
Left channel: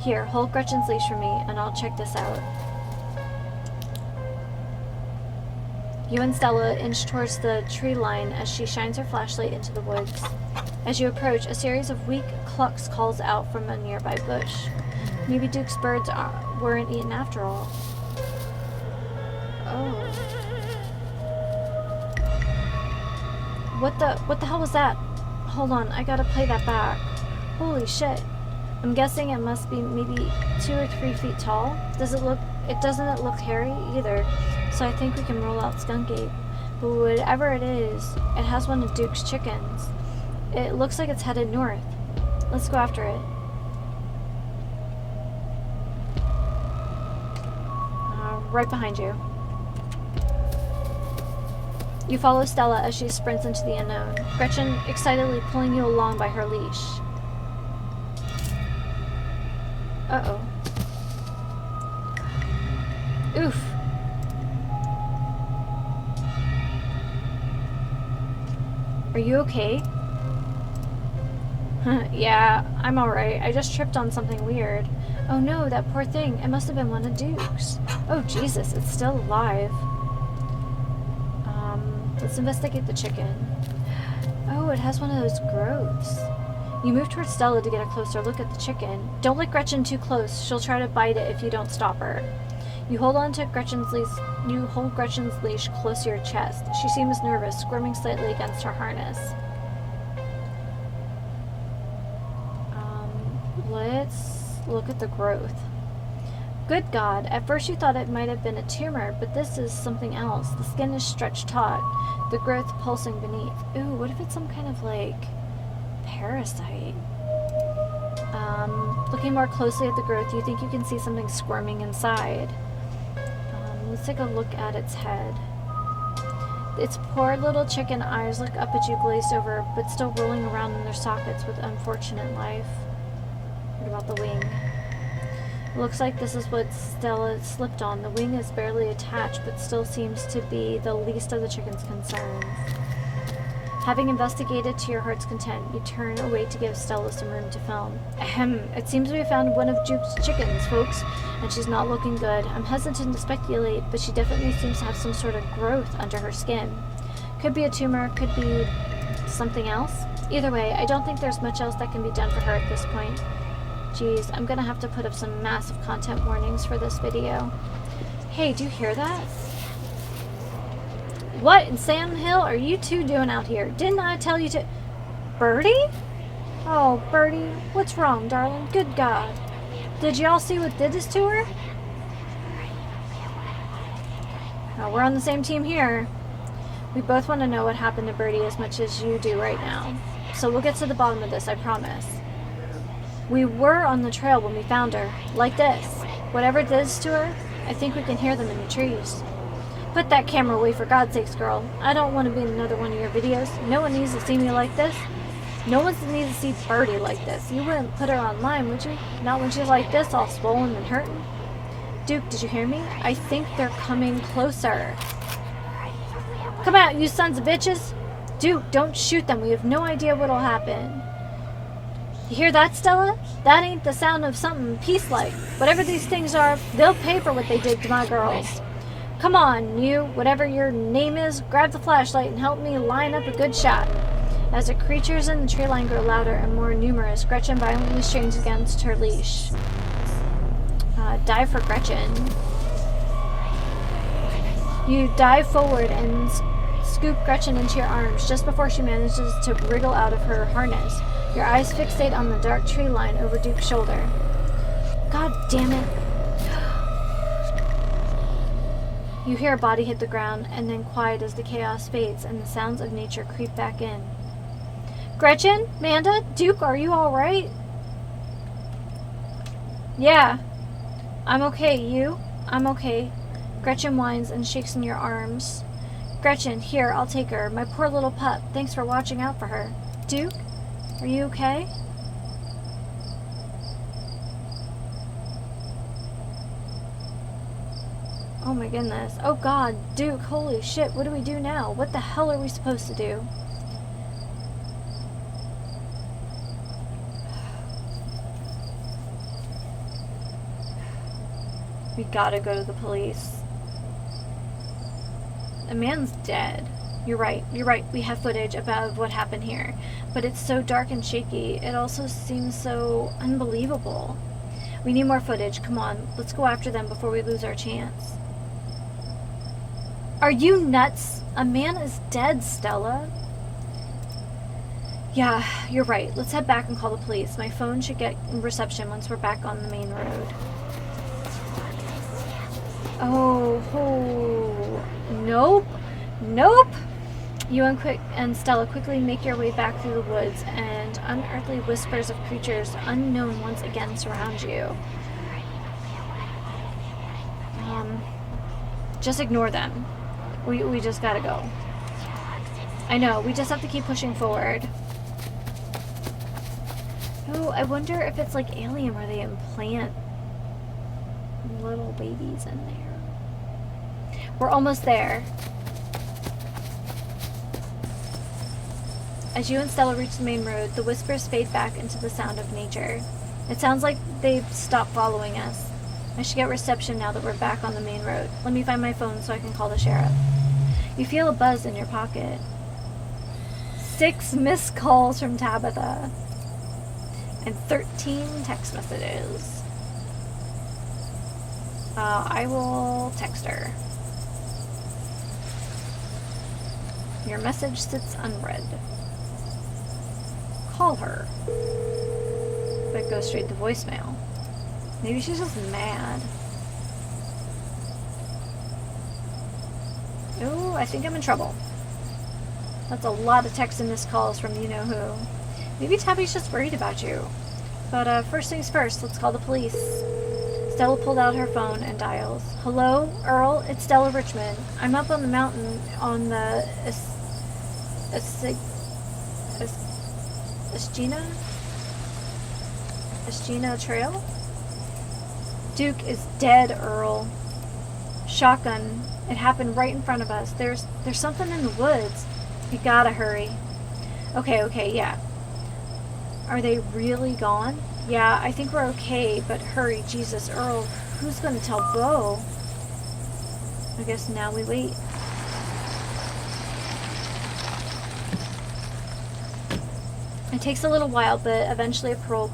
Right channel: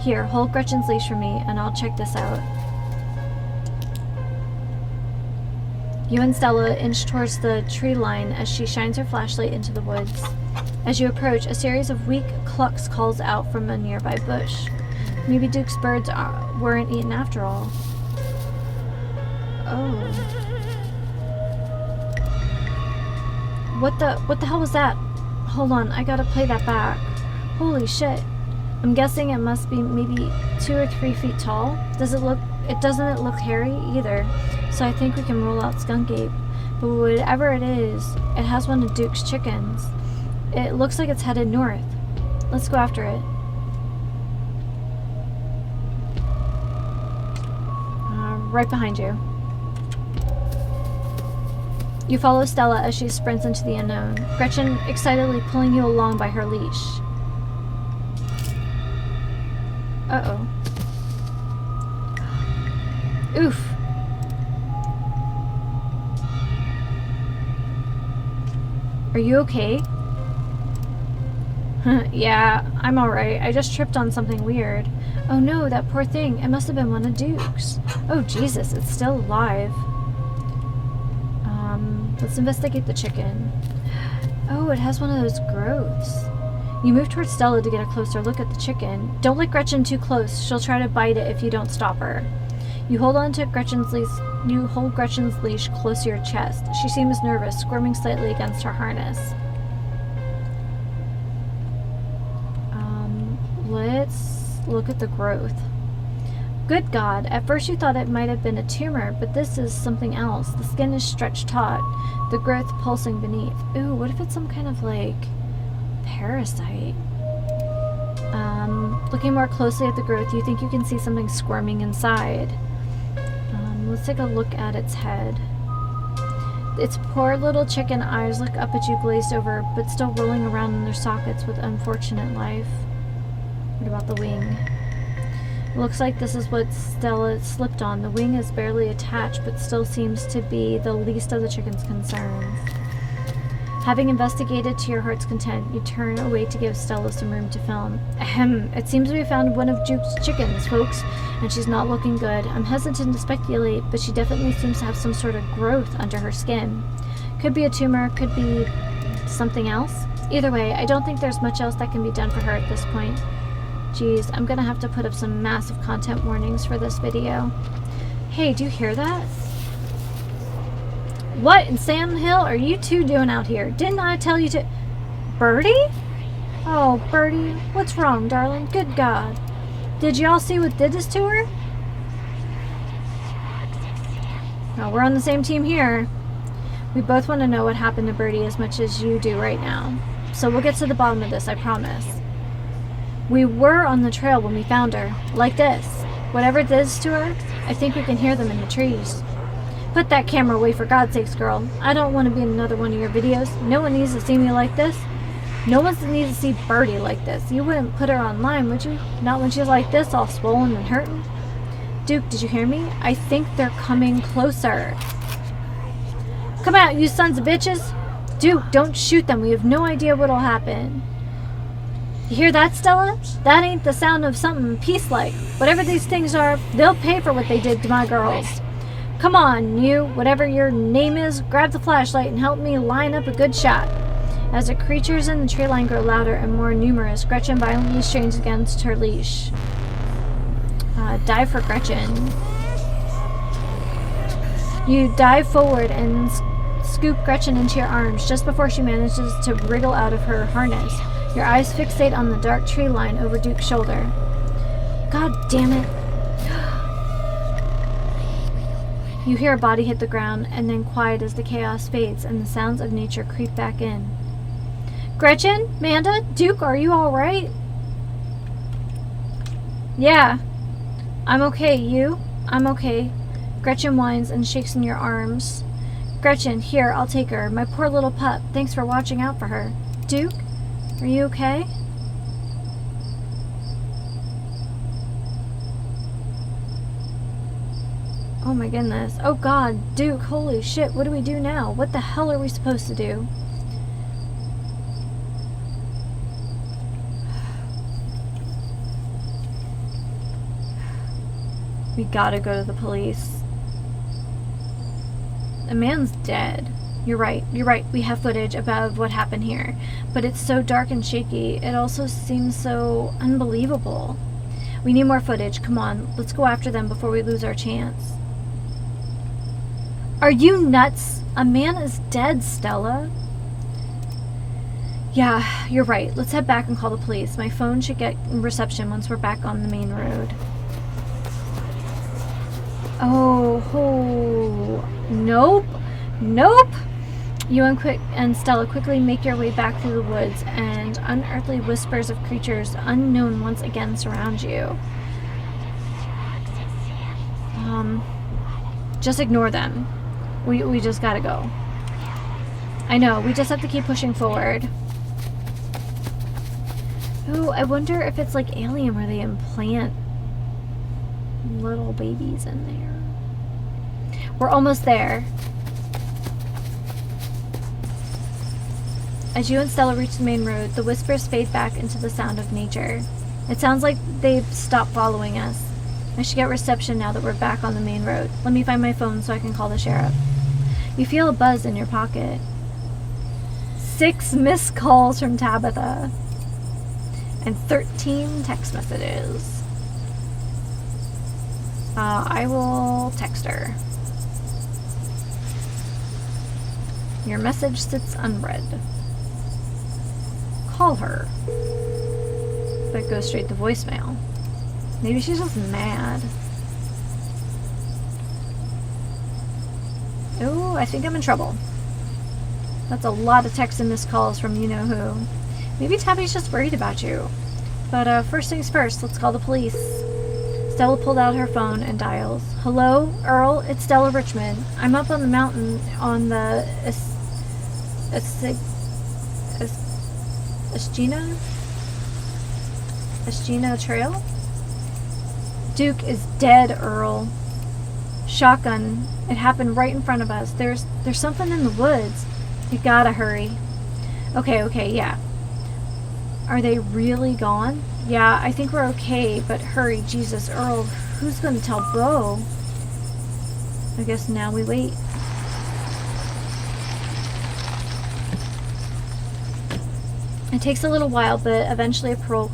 Here, hold Gretchen's leash for me, and I'll check this out. You and Stella inch towards the tree line as she shines her flashlight into the woods. As you approach, a series of weak clucks calls out from a nearby bush. Maybe Duke's birds weren't eaten after all. Oh. What the hell was that? Hold on, I gotta play that back. Holy shit. I'm guessing it must be maybe 2 or 3 feet tall. Doesn't it look hairy either. So I think we can rule out skunk ape. But whatever it is, it has one of Duke's chickens. It looks like it's headed north. Let's go after it. Right behind you. You follow Stella as she sprints into the unknown, Gretchen excitedly pulling you along by her leash. Uh-oh. Oof. Are you okay? Yeah, I'm alright. I just tripped on something weird. Oh no, that poor thing. It must have been one of Duke's. Oh Jesus, it's still alive. Let's investigate the chicken. Oh, it has one of those growths. You move towards Stella to get a closer look at the chicken. Don't let Gretchen too close. She'll try to bite it if you don't stop her. You hold on to Gretchen's leash. You hold Gretchen's leash close to your chest. She seems nervous, squirming slightly against her harness. Let's look at the growth. Good God, at first you thought it might have been a tumor, but this is something else. The skin is stretched taut, the growth pulsing beneath. Ooh, what if it's some kind of, like, parasite? Looking more closely at the growth, you think you can see something squirming inside. Let's take a look at its head. Its poor little chicken eyes look up at you glazed over, but still rolling around in their sockets with unfortunate life. What about the wing? Looks like this is what Stella slipped on. The wing is barely attached, but still seems to be the least of the chicken's concerns. Having investigated to your heart's content, you turn away to give Stella some room to film. Ahem, it seems we found one of Duke's chickens, folks, and she's not looking good. I'm hesitant to speculate, but she definitely seems to have some sort of growth under her skin. Could be a tumor, could be something else. Either way, I don't think there's much else that can be done for her at this point. Geez, I'm gonna have to put up some massive content warnings for this video. Hey, do you hear that? What in Sam Hill are you two doing out here? Didn't I tell you to... Birdie? Oh, Birdie, what's wrong, darling? Good God. Did y'all see what did this to her? Oh, we're on the same team here. We both want to know what happened to Birdie as much as you do right now. So we'll get to the bottom of this, I promise. We were on the trail when we found her. Like this. Whatever it is to her, I think we can hear them in the trees. Put that camera away for God's sakes, girl. I don't want to be in another one of your videos. No one needs to see me like this. No one needs to see Birdie like this. You wouldn't put her online, would you? Not when she's like this, all swollen and hurting. Duke, did you hear me? I think they're coming closer. Come out, you sons of bitches. Duke, don't shoot them. We have no idea what'll happen. You hear that, Stella? That ain't the sound of something peace-like. Whatever these things are, they'll pay for what they did to my girls. Come on, you, whatever your name is, grab the flashlight and help me line up a good shot. As the creatures in the tree line grow louder and more numerous, Gretchen violently strains against her leash. Dive for Gretchen. You dive forward and scoop Gretchen into your arms just before she manages to wriggle out of her harness. Your eyes fixate on the dark tree line over Duke's shoulder. God damn it. You hear a body hit the ground, and then quiet as the chaos fades and the sounds of nature creep back in. Gretchen? Manda? Duke, are you alright? Yeah. I'm okay. You? I'm okay. Gretchen whines and shakes in your arms. Gretchen, here, I'll take her. My poor little pup. Thanks for watching out for her. Duke? Are you okay? Oh my goodness. Oh God, Duke, holy shit, what do we do now? What the hell are we supposed to do? We gotta go to the police. The man's dead. You're right, we have footage about what happened here. But it's so dark and shaky, it also seems so unbelievable. We need more footage, come on, let's go after them before we lose our chance. Are you nuts? A man is dead, Stella. Yeah, you're right. Let's head back and call the police. My phone should get reception once we're back on the main road. Oh, nope. You and Stella quickly make your way back through the woods, and unearthly whispers of creatures unknown once again surround you. Just ignore them. We just gotta go. I know, we just have to keep pushing forward. Ooh, I wonder if it's like Alien where they implant little babies in there. We're almost there. As you and Stella reach the main road, the whispers fade back into the sound of nature. It sounds like they've stopped following us. I should get reception now that we're back on the main road. Let me find my phone so I can call the sheriff. You feel a buzz in your pocket. 6 missed calls from Tabitha. And 13 text messages. I will text her. Your message sits unread. Call her. But it goes straight to voicemail. Maybe she's just mad. Ooh, I think I'm in trouble. That's a lot of texts and missed calls from you-know-who. Maybe Tabby's just worried about you. But first things first, let's call the police. Stella pulled out her phone and dials. Hello, Earl, it's Stella Richmond. I'm up on the mountain on the Eschina Trail? Duke is dead, Earl. Shotgun. It happened right in front of us. There's something in the woods. You gotta hurry. Okay, yeah. Are they really gone? Yeah, I think we're okay, but hurry, Jesus, Earl. Who's gonna tell Bo? I guess now we wait. It takes a little while, but eventually a patrol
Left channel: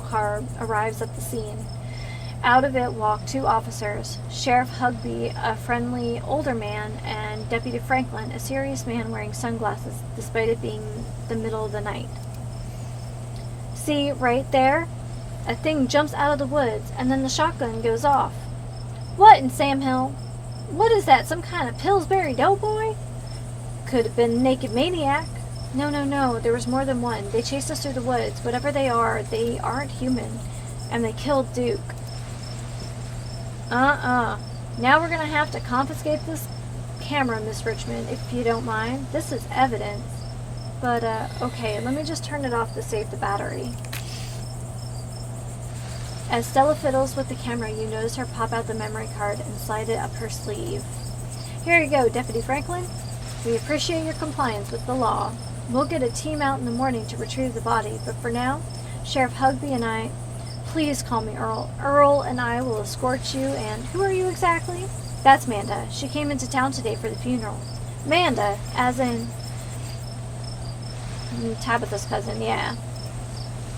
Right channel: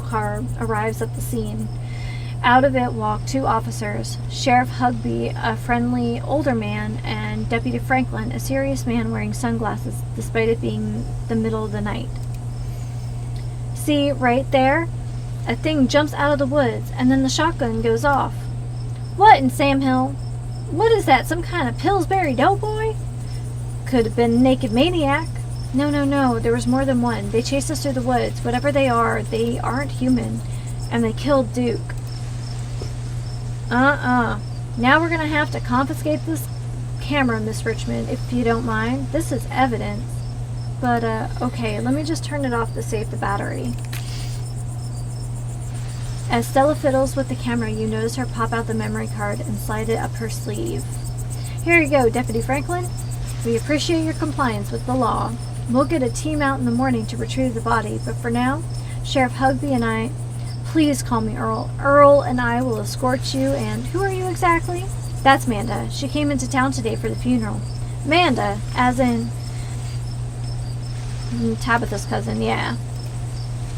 car arrives at the scene. Out of it walk 2 officers, Sheriff Hugby, a friendly older man, and Deputy Franklin, a serious man wearing sunglasses despite it being the middle of the night. See, right there? A thing jumps out of the woods, and then the shotgun goes off. What in Sam Hill? What is that, some kind of Pillsbury Doughboy? Could have been a naked maniac. No, there was more than one. They chased us through the woods. Whatever they are, they aren't human. And they killed Duke. Now we're gonna have to confiscate this camera, Miss Richmond, if you don't mind. This is evidence. But, okay, let me just turn it off to save the battery. As Stella fiddles with the camera, you notice her pop out the memory card and slide it up her sleeve. Here you go, Deputy Franklin. We appreciate your compliance with the law. We'll get a team out in the morning to retrieve the body, but for now, Sheriff Hugby and I... Please call me Earl. Earl and I will escort you, and who are you exactly? That's Manda. She came into town today for the funeral. Manda, as in... Tabitha's cousin, yeah.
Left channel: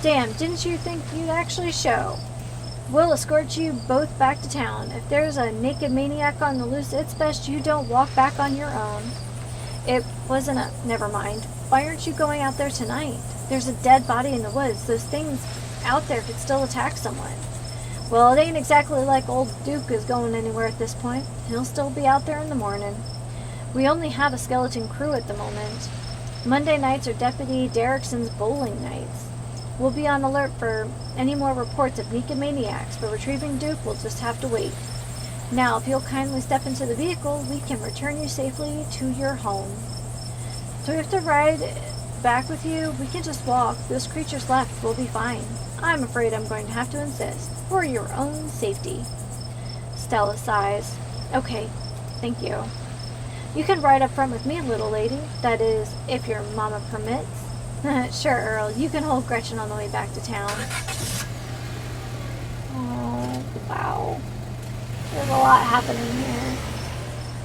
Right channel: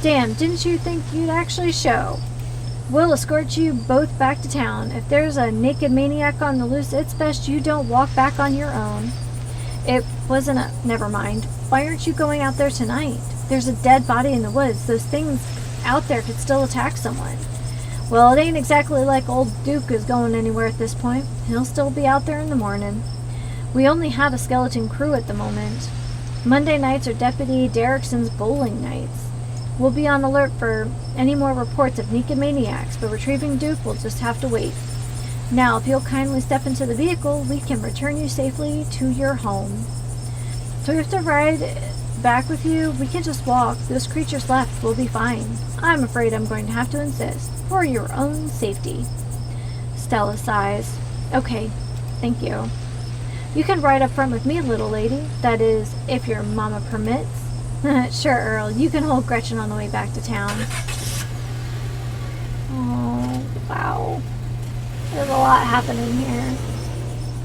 Damn, didn't you think you'd actually show? We'll escort you both back to town. If there's a naked maniac on the loose, it's best you don't walk back on your own. It wasn't a... Never mind. Why aren't you going out there tonight? There's a dead body in the woods. Those things out there could still attack someone. Well, it ain't exactly like old Duke is going anywhere at this point. He'll still be out there in the morning. We only have a skeleton crew at the moment. Monday nights are Deputy Derrickson's bowling nights. We'll be on alert for any more reports of Nikomaniacs, but retrieving Duke will just have to wait. Now, if you'll kindly step into the vehicle, we can return you safely to your home. So we have to ride back with you? We can just walk. Those creatures left. We'll be fine. I'm afraid I'm going to have to insist. For your own safety. Stella sighs. Okay, thank you. You can ride up front with me, little lady. That is, if your mama permits. Sure, Earl. You can hold Gretchen on the way back to town. Oh, wow. There's a lot happening here.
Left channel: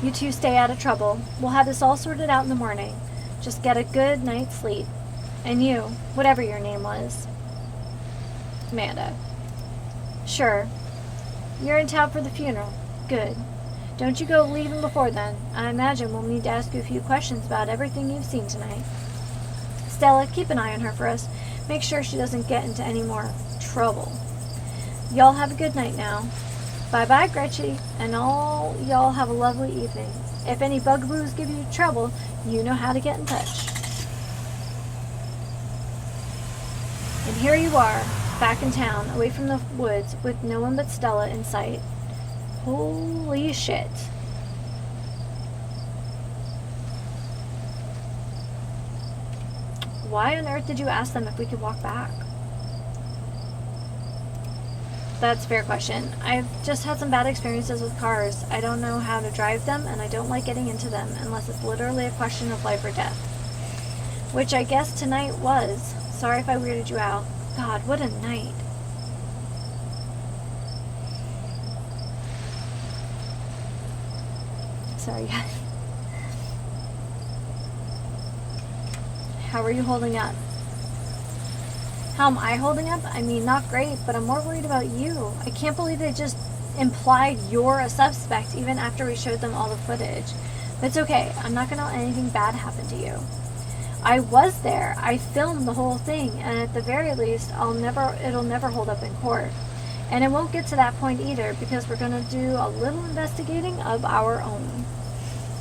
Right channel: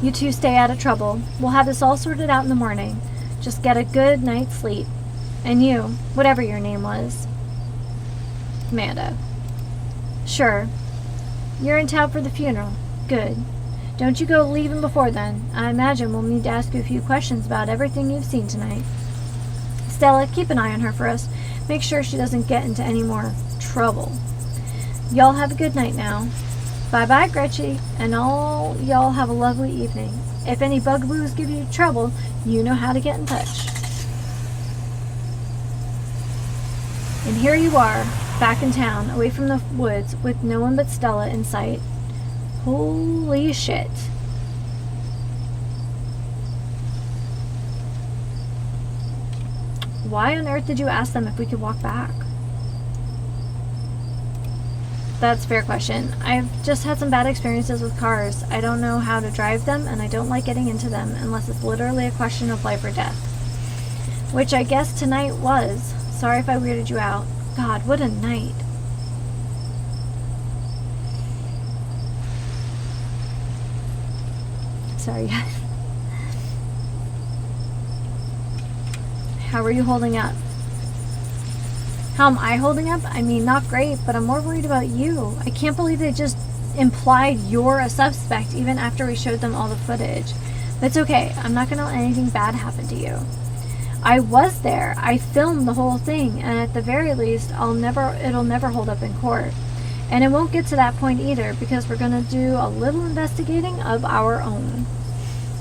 You two stay out of trouble. We'll have this all sorted out in the morning. Just get a good night's sleep. And you, whatever your name was. Amanda. Sure. You're in town for the funeral. Good. Don't you go leaving before then. I imagine we'll need to ask you a few questions about everything you've seen tonight. Stella, keep an eye on her for us. Make sure she doesn't get into any more trouble. Y'all have a good night now. Bye-bye, Gretchen, and all y'all have a lovely evening. If any bugaboos give you trouble, you know how to get in touch. And here you are, back in town, away from the woods, with no one but Stella in sight. Holy shit. Why on earth did you ask them if we could walk back? That's a fair question. I've just had some bad experiences with cars. I don't know how to drive them, and I don't like getting into them unless it's literally a question of life or death. Which I guess tonight was. Sorry if I weirded you out. God, what a night. Sorry, guys. How are you holding up? How am I holding up? I mean, not great, but I'm more worried about you. I can't believe they just implied you're a suspect even after we showed them all the footage. But it's okay. I'm not going to let anything bad happen to you. I was there. I filmed the whole thing, and at the very least, it'll never hold up in court. And it won't get to that point either, because we're going to do a little investigating of our own.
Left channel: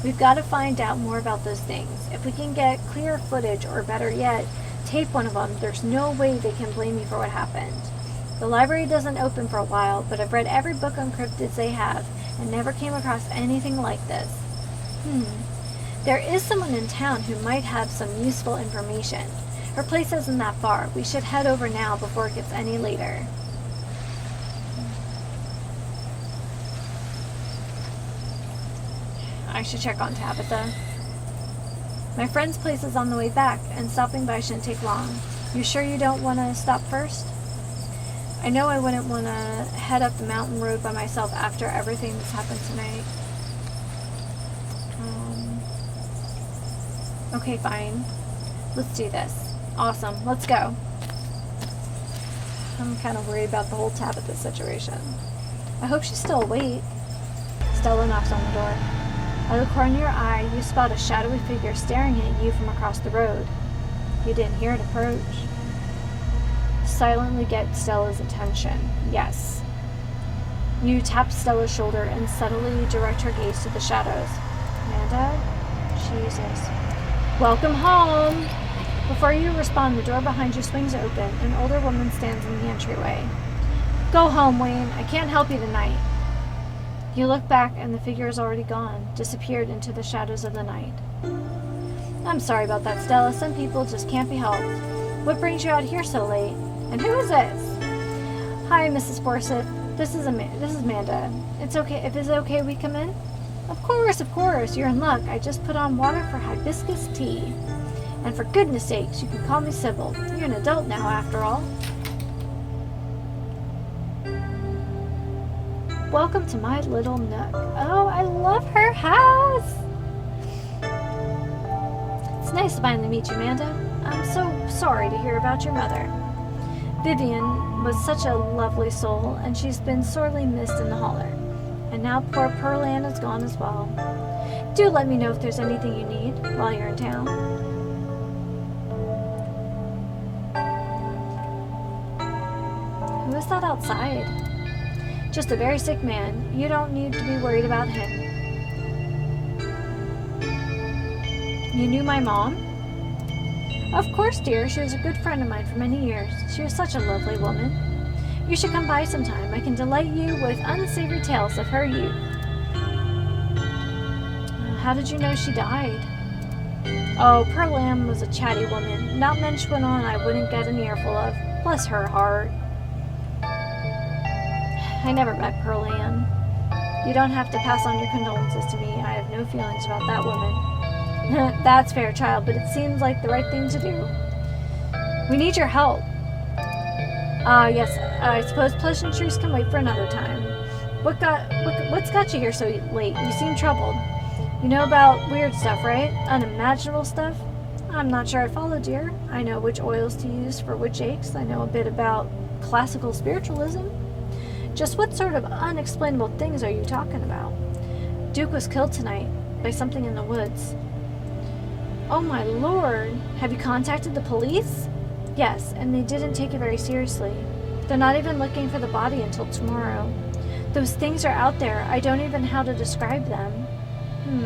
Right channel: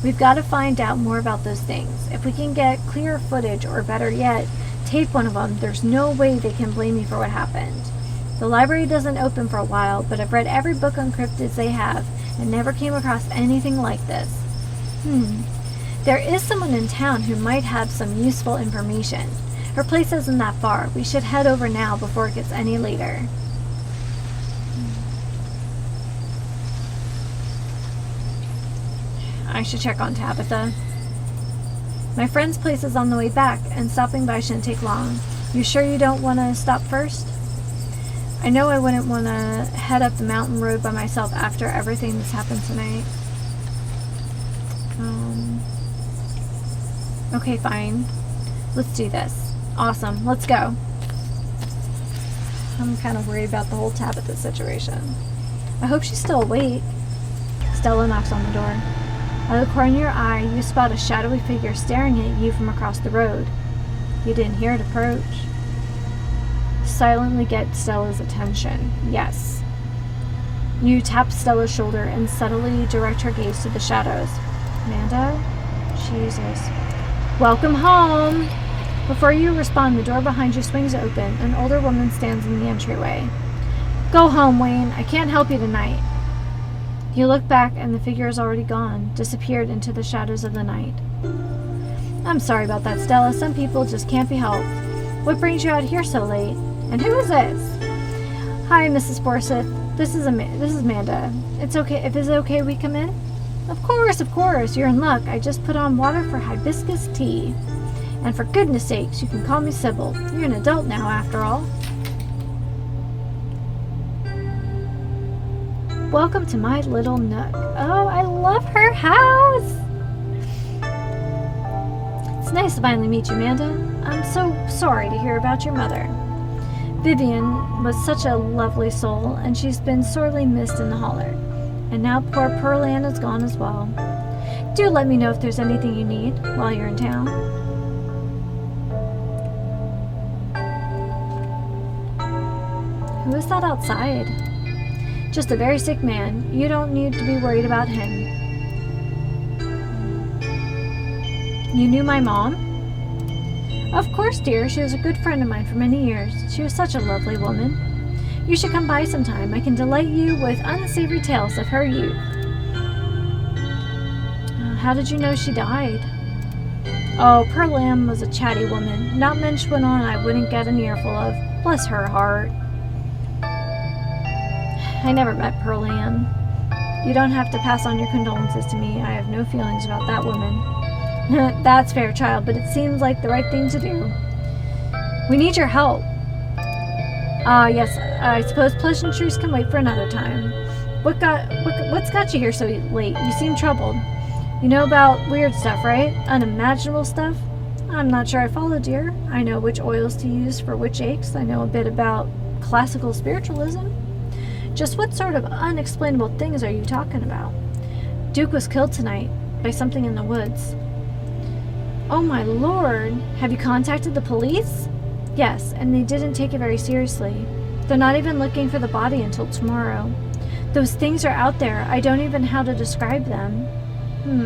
We've got to find out more about those things. If we can get clear footage, or better yet, tape one of them, there's no way they can blame me for what happened. The library doesn't open for a while, but I've read every book on cryptids they have, and never came across anything like this. There is someone in town who might have some useful information. Her place isn't that far. We should head over now before it gets any later. I should check on Tabitha. My friend's place is on the way back, and stopping by shouldn't take long. You sure you don't want to stop first? I know I wouldn't want to head up the mountain road by myself after everything that's happened tonight. Okay, fine. Let's do this. Awesome. Let's go. I'm kind of worried about the whole Tabitha situation. I hope she's still awake. Stella knocks on the door. Out of the corner of your eye, you spot a shadowy figure staring at you from across the road. You didn't hear it approach. Silently get Stella's attention. Yes. You tap Stella's shoulder and subtly direct her gaze to the shadows. Amanda? Jesus. Welcome home! Before you respond, the door behind you swings open. An older woman stands in the entryway. Go home, Wayne. I can't help you tonight. You look back and the figure is already gone, disappeared into the shadows of the night. I'm sorry about that, Stella. Some people just can't be helped. What brings you out here so late? And who is this? Hi, Mrs. Forsyth. This is Amanda. It's okay. If it's okay, we come in? Of course. You're in luck. I just put on water for hibiscus tea. And for goodness sakes, you can call me Sybil. You're an adult now, after all. Welcome to my little nook. Oh, I love her house. It's nice to finally meet you, Amanda. I'm so sorry to hear about your mother. Vivian was such a lovely soul, and she's been sorely missed in the holler. And now poor Pearl Ann is gone as well. Do let me know if there's anything you need while you're in town. Who is that outside? Just a very sick man. You don't need to be worried about him. You knew my mom? Of course, dear. She was a good friend of mine for many years. She was such a lovely woman. You should come by sometime. I can delight you with unsavory tales of her youth. How did you know she died? Oh, Pearl Lamb was a chatty woman. Not much went on I wouldn't get an earful of. Bless her heart. I never met Pearl Ann. You don't have to pass on your condolences to me. I have no feelings about that woman. That's fair, child, but it seems like the right thing to do. We need your help. Yes, I suppose pleasantries can wait for another time. What's got you here so late? You seem troubled. You know about weird stuff, right? Unimaginable stuff? I'm not sure I follow, dear. I know which oils to use for which aches. I know a bit about classical spiritualism. Just what sort of unexplainable things are you talking about? Duke was killed tonight by something in the woods. Oh my lord! Have you contacted the police? Yes, and they didn't take it very seriously. They're not even looking for the body until tomorrow. Those things are out there. I don't even know how to describe them.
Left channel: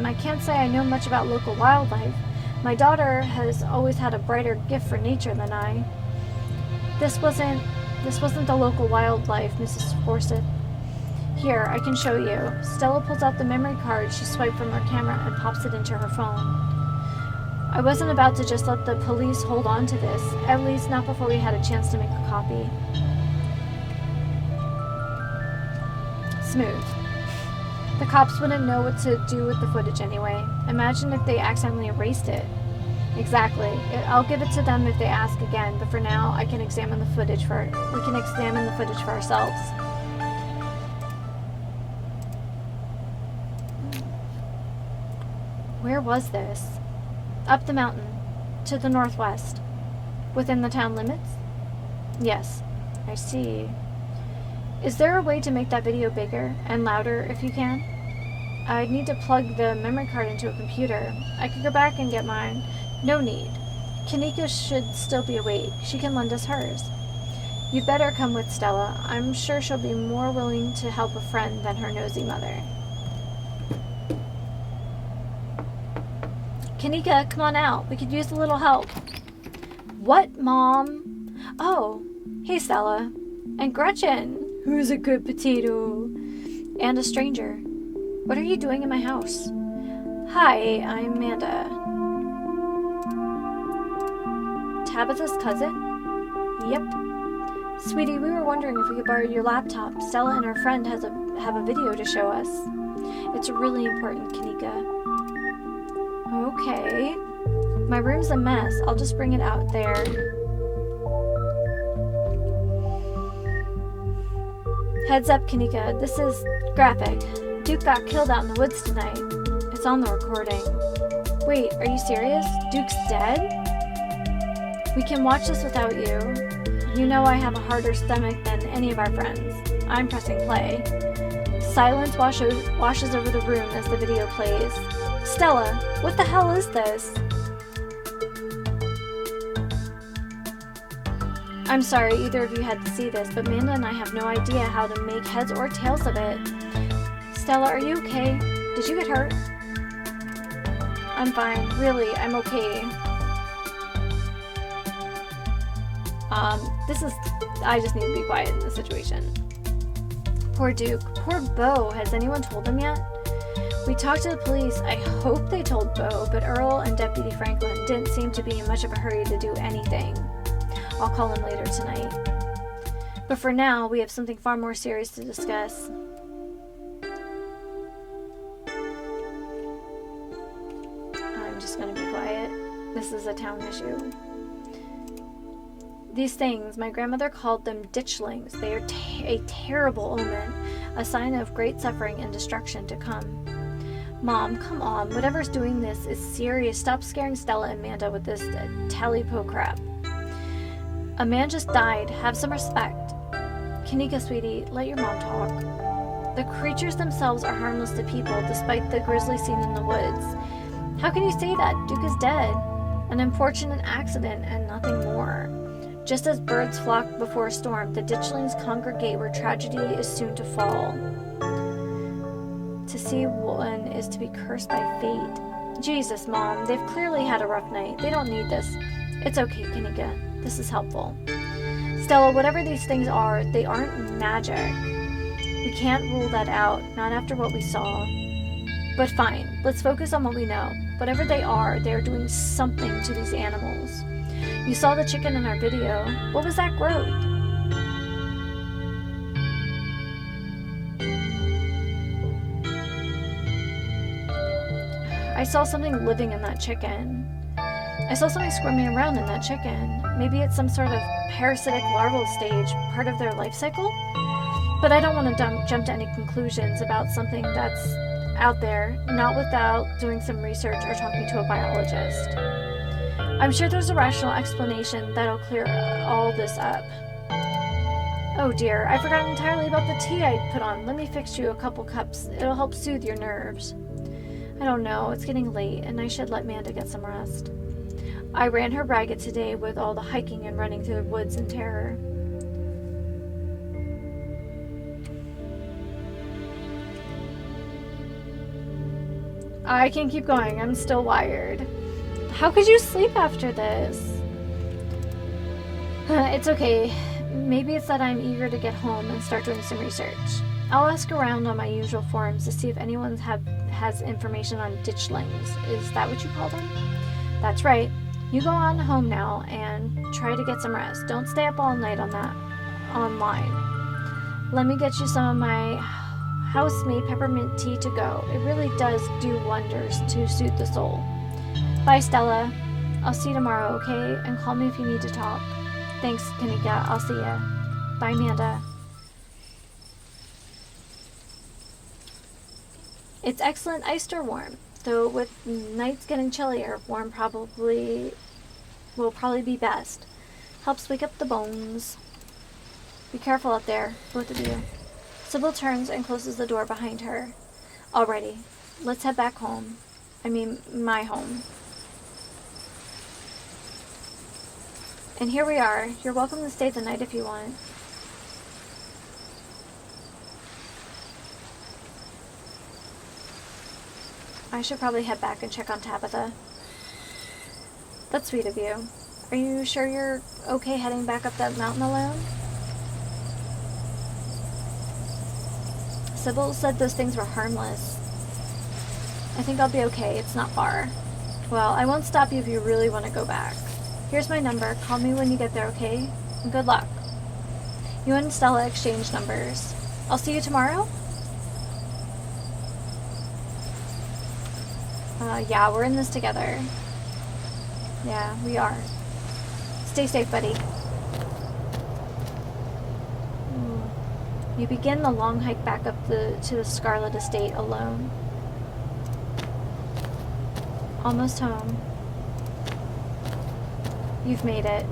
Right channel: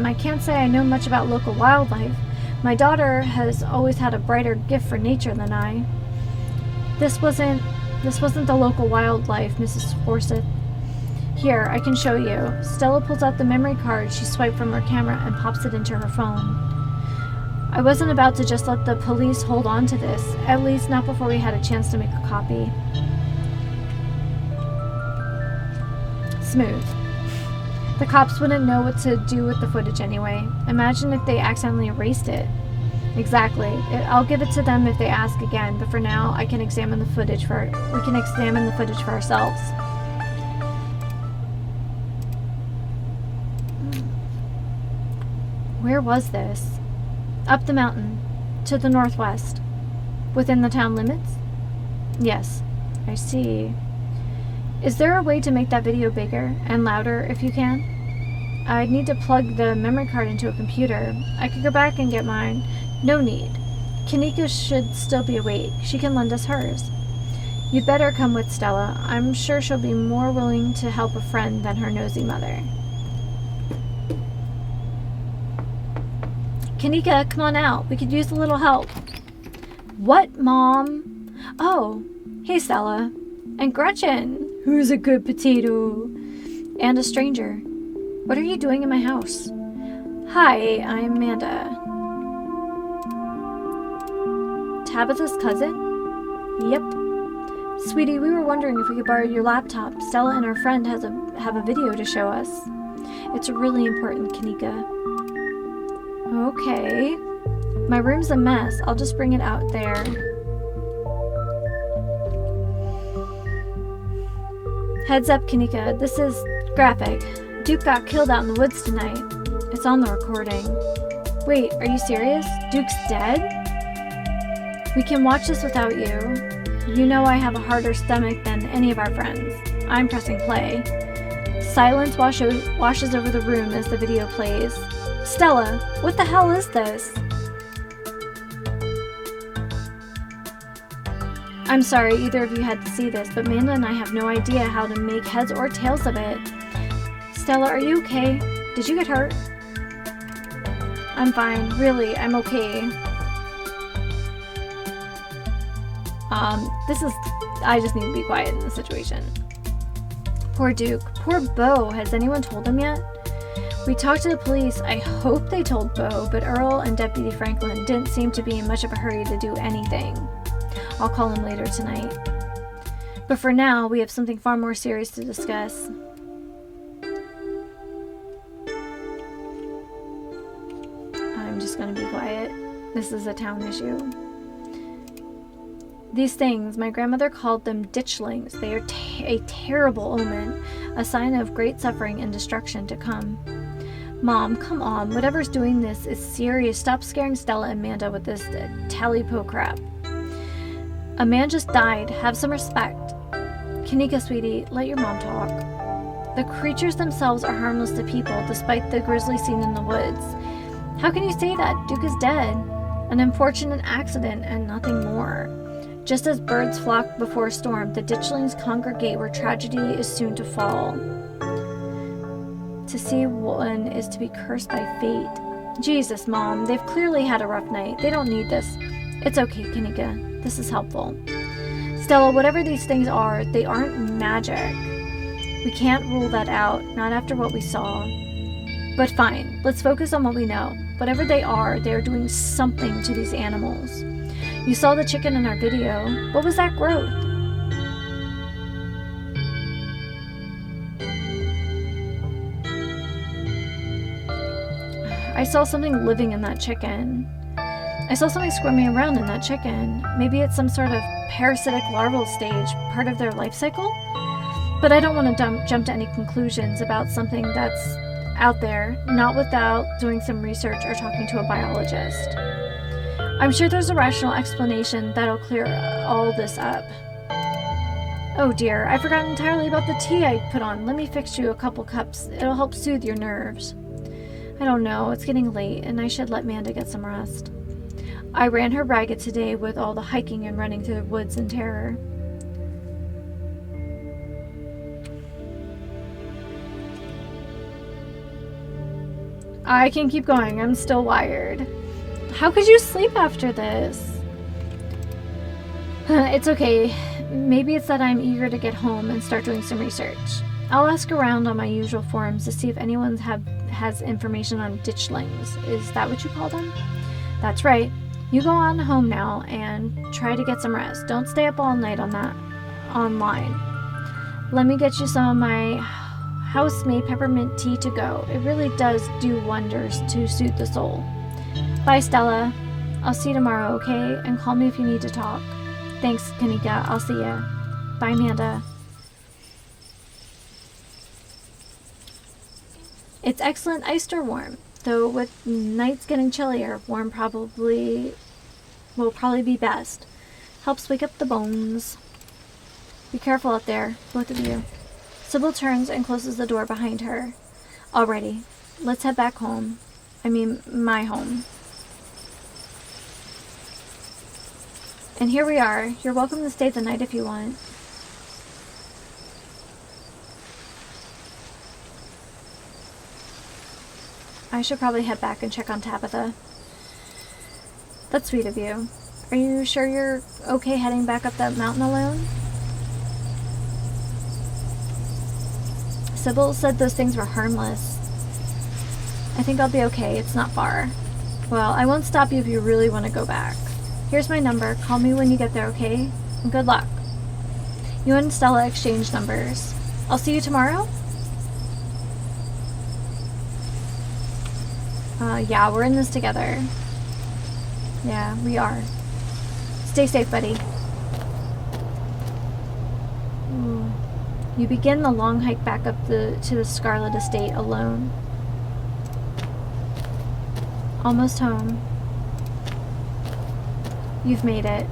I can't say I know much about local wildlife. My daughter has always had a brighter gift for nature than I. This wasn't the local wildlife, Mrs. Forsyth. Here, I can show you. Stella pulls out the memory card she swiped from her camera and pops it into her phone. I wasn't about to just let the police hold on to this, at least not before we had a chance to make a copy. Smooth. The cops wouldn't know what to do with the footage anyway. Imagine if they accidentally erased it. Exactly. I'll give it to them if they ask again, but for now, we can examine the footage for ourselves. Where was this? Up the mountain, to the northwest. Within the town limits? Yes, I see. Is there a way to make that video bigger and louder if you can? I'd need to plug the memory card into a computer. I could go back and get mine. No need. Kanika should still be awake. She can lend us hers. You'd better come with Stella. I'm sure she'll be more willing to help a friend than her nosy mother. Kanika, come on out. We could use a little help. What, Mom? Oh, hey, Stella. And Gretchen, who's a good potato. And a stranger. What are you doing in my house? Hi, I'm Amanda. Tabitha's cousin? Yep. Sweetie, we were wondering if we could borrow your laptop. Stella and her friend have a video to show us. It's really important, Kanika. Okay. My room's a mess. I'll just bring it out there. Heads up, Kanika. This is graphic. Duke got killed out in the woods tonight. It's on the recording. Wait, are you serious? Duke's dead? We can watch this without you. You know I have a harder stomach than any of our friends. I'm pressing play. Silence washes over the room as the video plays. Stella, what the hell is this? I'm sorry either of you had to see this, but Amanda and I have no idea how to make heads or tails of it. Stella, are you okay? Did you get hurt? I'm fine. Really, I'm okay. I just need to be quiet in this situation. Poor Duke. Poor Beau. Has anyone told him yet? We talked to the police. I hope they told Beau, but Earl and Deputy Franklin didn't seem to be in much of a hurry to do anything. I'll call him later tonight. But for now, we have something far more serious to discuss. I'm just gonna be quiet. This is a town issue. These things, my grandmother called them ditchlings. They are a terrible omen, a sign of great suffering and destruction to come. Mom, come on. Whatever's doing this is serious. Stop scaring Stella and Amanda with this tally-po crap. A man just died. Have some respect. Kanika, sweetie, let your mom talk. The creatures themselves are harmless to people, despite the grizzly seen in the woods. How can you say that? Duke is dead. An unfortunate accident and nothing more. Just as birds flock before a storm, the ditchlings congregate where tragedy is soon to fall. To see one is to be cursed by fate. Jesus, Mom, they've clearly had a rough night. They don't need this. It's okay, Kanika. This is helpful. Stella, whatever these things are, they aren't magic. We can't rule that out, not after what we saw. But fine, let's focus on what we know. Whatever they are doing something to these animals. You saw the chicken in our video. What was that growth? I saw something living in that chicken. I saw something squirming around in that chicken. Maybe it's some sort of parasitic larval stage, part of their life cycle? But I don't want to jump to any conclusions about something that's out there, not without doing some research or talking to a biologist. I'm sure there's a rational explanation that'll clear all this up. Oh dear, I forgot entirely about the tea I put on. Let me fix you a couple cups. It'll help soothe your nerves. I don't know, it's getting late and I should let Manda get some rest. I ran her ragged today with all the hiking and running through the woods in terror. I can keep going, I'm still wired. How could you sleep after this? It's okay. Maybe it's that I'm eager to get home and start doing some research. I'll ask around on my usual forums to see if anyone has information on ditchlings. Is that what you call them? That's right. You go on home now and try to get some rest. Don't stay up all night on that online. Let me get you some of my house-made peppermint tea to go. It really does do wonders to soothe the soul. Bye, Stella. I'll see you tomorrow, okay? And call me if you need to talk. Thanks, Kanika. I'll see ya. Bye, Amanda. It's excellent iced or warm, though with nights getting chillier, warm will probably be best. Helps wake up the bones. Be careful out there, both of you. Sybil turns and closes the door behind her. Alrighty, let's head back home. I mean, my home. And here we are. You're welcome to stay the night if you want. I should probably head back and check on Tabitha. That's sweet of you. Are you sure you're okay heading back up that mountain alone? Sybil said those things were harmless. I think I'll be okay. It's not far. Well, I won't stop you if you really want to go back. Here's my number. Call me when you get there, okay? And good luck. You and Stella exchange numbers. I'll see you tomorrow? Yeah, we're in this together. Yeah, we are. Stay safe, buddy. Ooh. You begin the long hike back up to the Scarlet estate alone. Almost home. You've made it.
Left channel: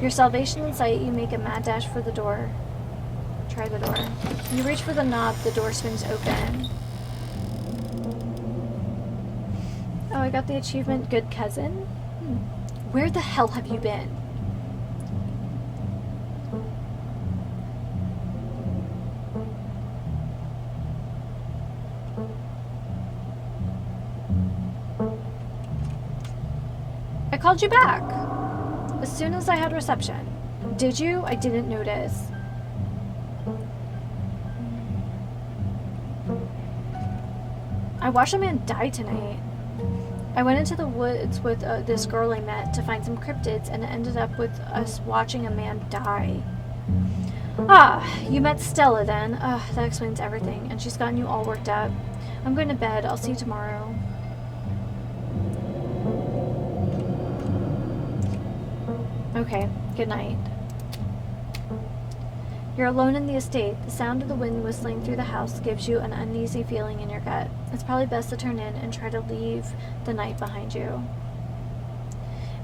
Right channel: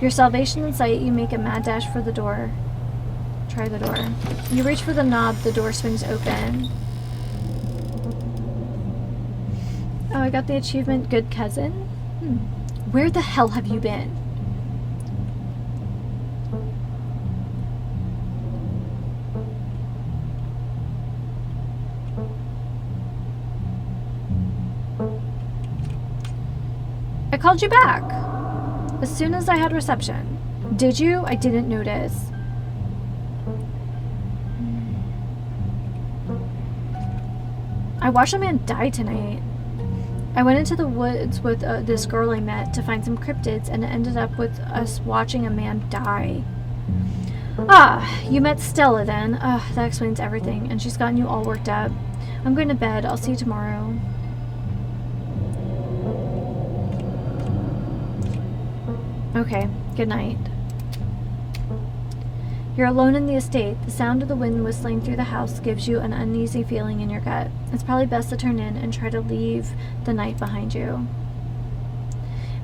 Your salvation in sight, you make a mad dash for the door. Try the door. You reach for the knob, the door swings open. Oh, I got the achievement, Good Cousin. Where the hell have you been? I called you back as soon as I had reception. Did you? I didn't notice. I watched a man die tonight. I went into the woods with this girl I met to find some cryptids, and it ended up with us watching a man die. Ah, you met Stella then. That explains everything, and she's gotten you all worked up. I'm going to bed. I'll see you tomorrow. Okay, good night. You're alone in the estate. The sound of the wind whistling through the house gives you an uneasy feeling in your gut. It's probably best to turn in and try to leave the night behind you.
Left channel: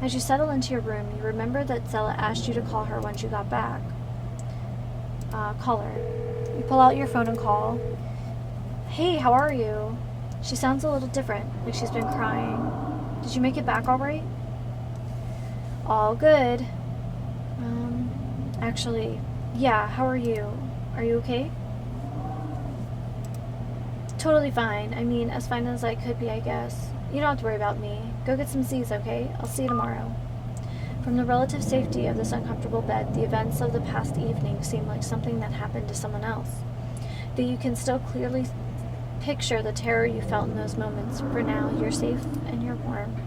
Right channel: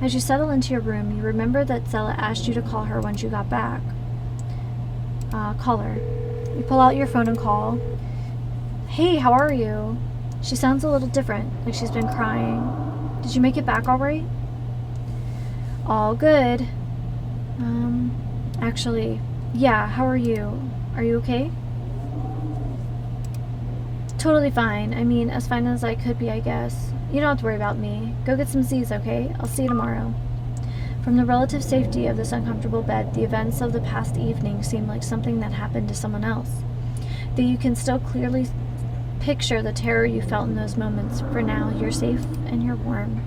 As you settle into your room, you remember that Stella asked you to call her when you got back. Call her. You pull out your phone and call. Hey, how are you? She sounds a little different, like she's been crying. Did you make it back all right? All good. Actually, yeah, how are you? Are you okay? Totally fine. I mean, as fine as I could be, I guess. You don't have to worry about me. Go get some Z's, okay? I'll see you tomorrow. From the relative safety of this uncomfortable bed, the events of the past evening seem like something that happened to someone else. Though you can still clearly picture the terror you felt in those moments. For now, you're safe and you're warm.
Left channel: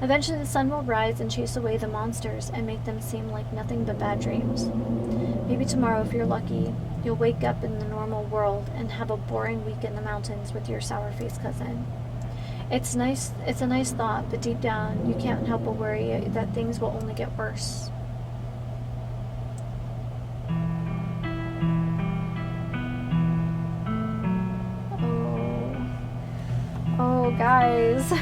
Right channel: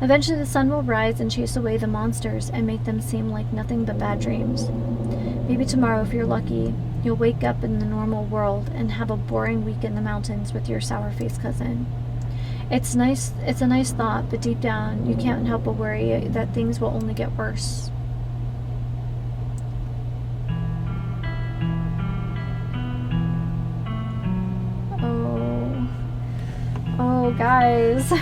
Eventually the sun will rise and chase away the monsters and make them seem like nothing but bad dreams. Maybe tomorrow, if you're lucky, you'll wake up in the normal world and have a boring week in the mountains with your sour-faced cousin. It's a nice thought, but deep down, you can't help but worry that things will only get worse. Oh, guys.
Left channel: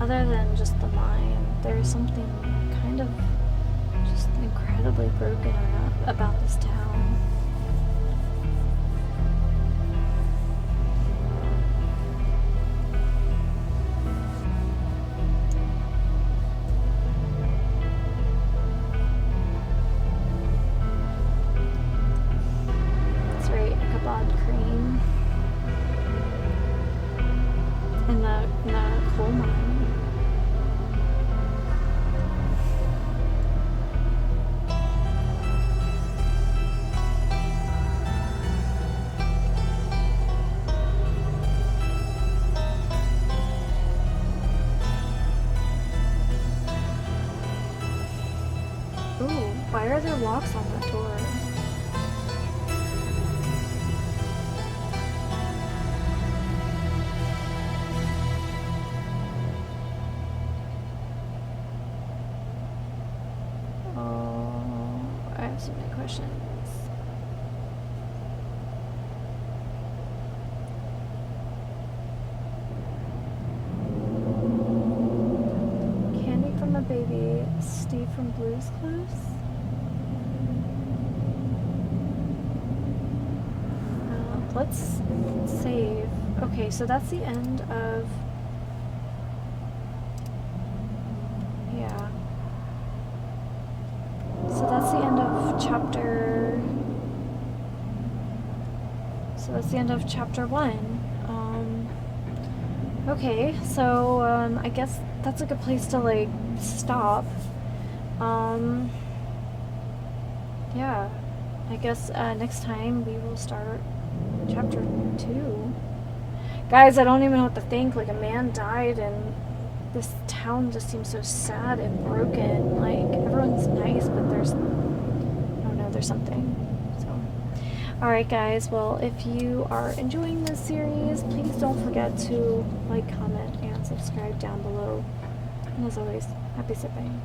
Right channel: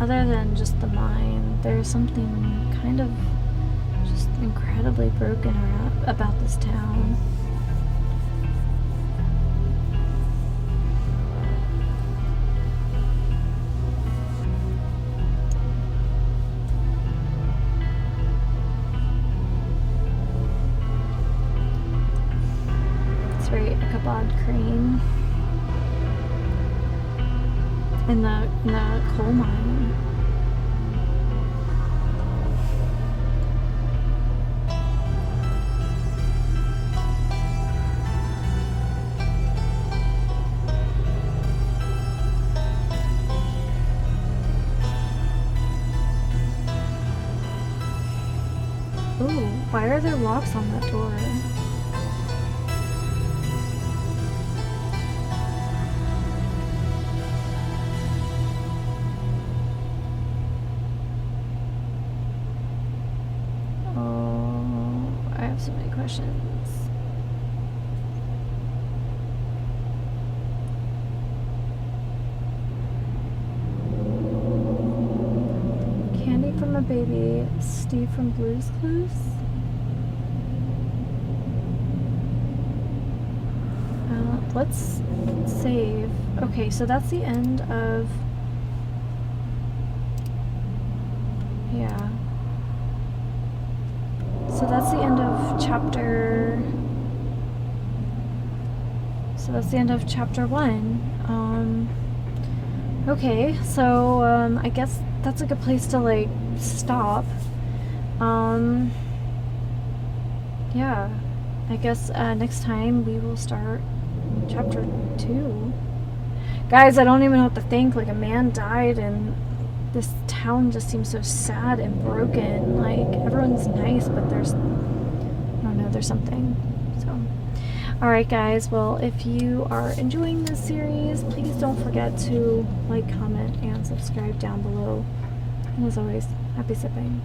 Other than just the mind, there's something kind of just incredibly broken about this town. It's very Ichabod Crane in the coal mine. Ooh, why are there locks on that door? Oh, I have so many questions. Candy from a baby, Steve from Blue's Clues? Let's save. Okay, so that's the end of... Yeah. So that's the end of chapter... So that's the end of chapter 1. Okay, so I guess that's a good place to like stop. Yeah, I guess next time we will start chapter 2. Guys, I don't even know what to think. Like, a man died and this town just seems so sad and broken. Like, everyone's nice, but there's, I don't know, there's something. So, alright guys, well, if you are enjoying this series, please don't forget to like, comment, and subscribe down below. And as always, happy sipping.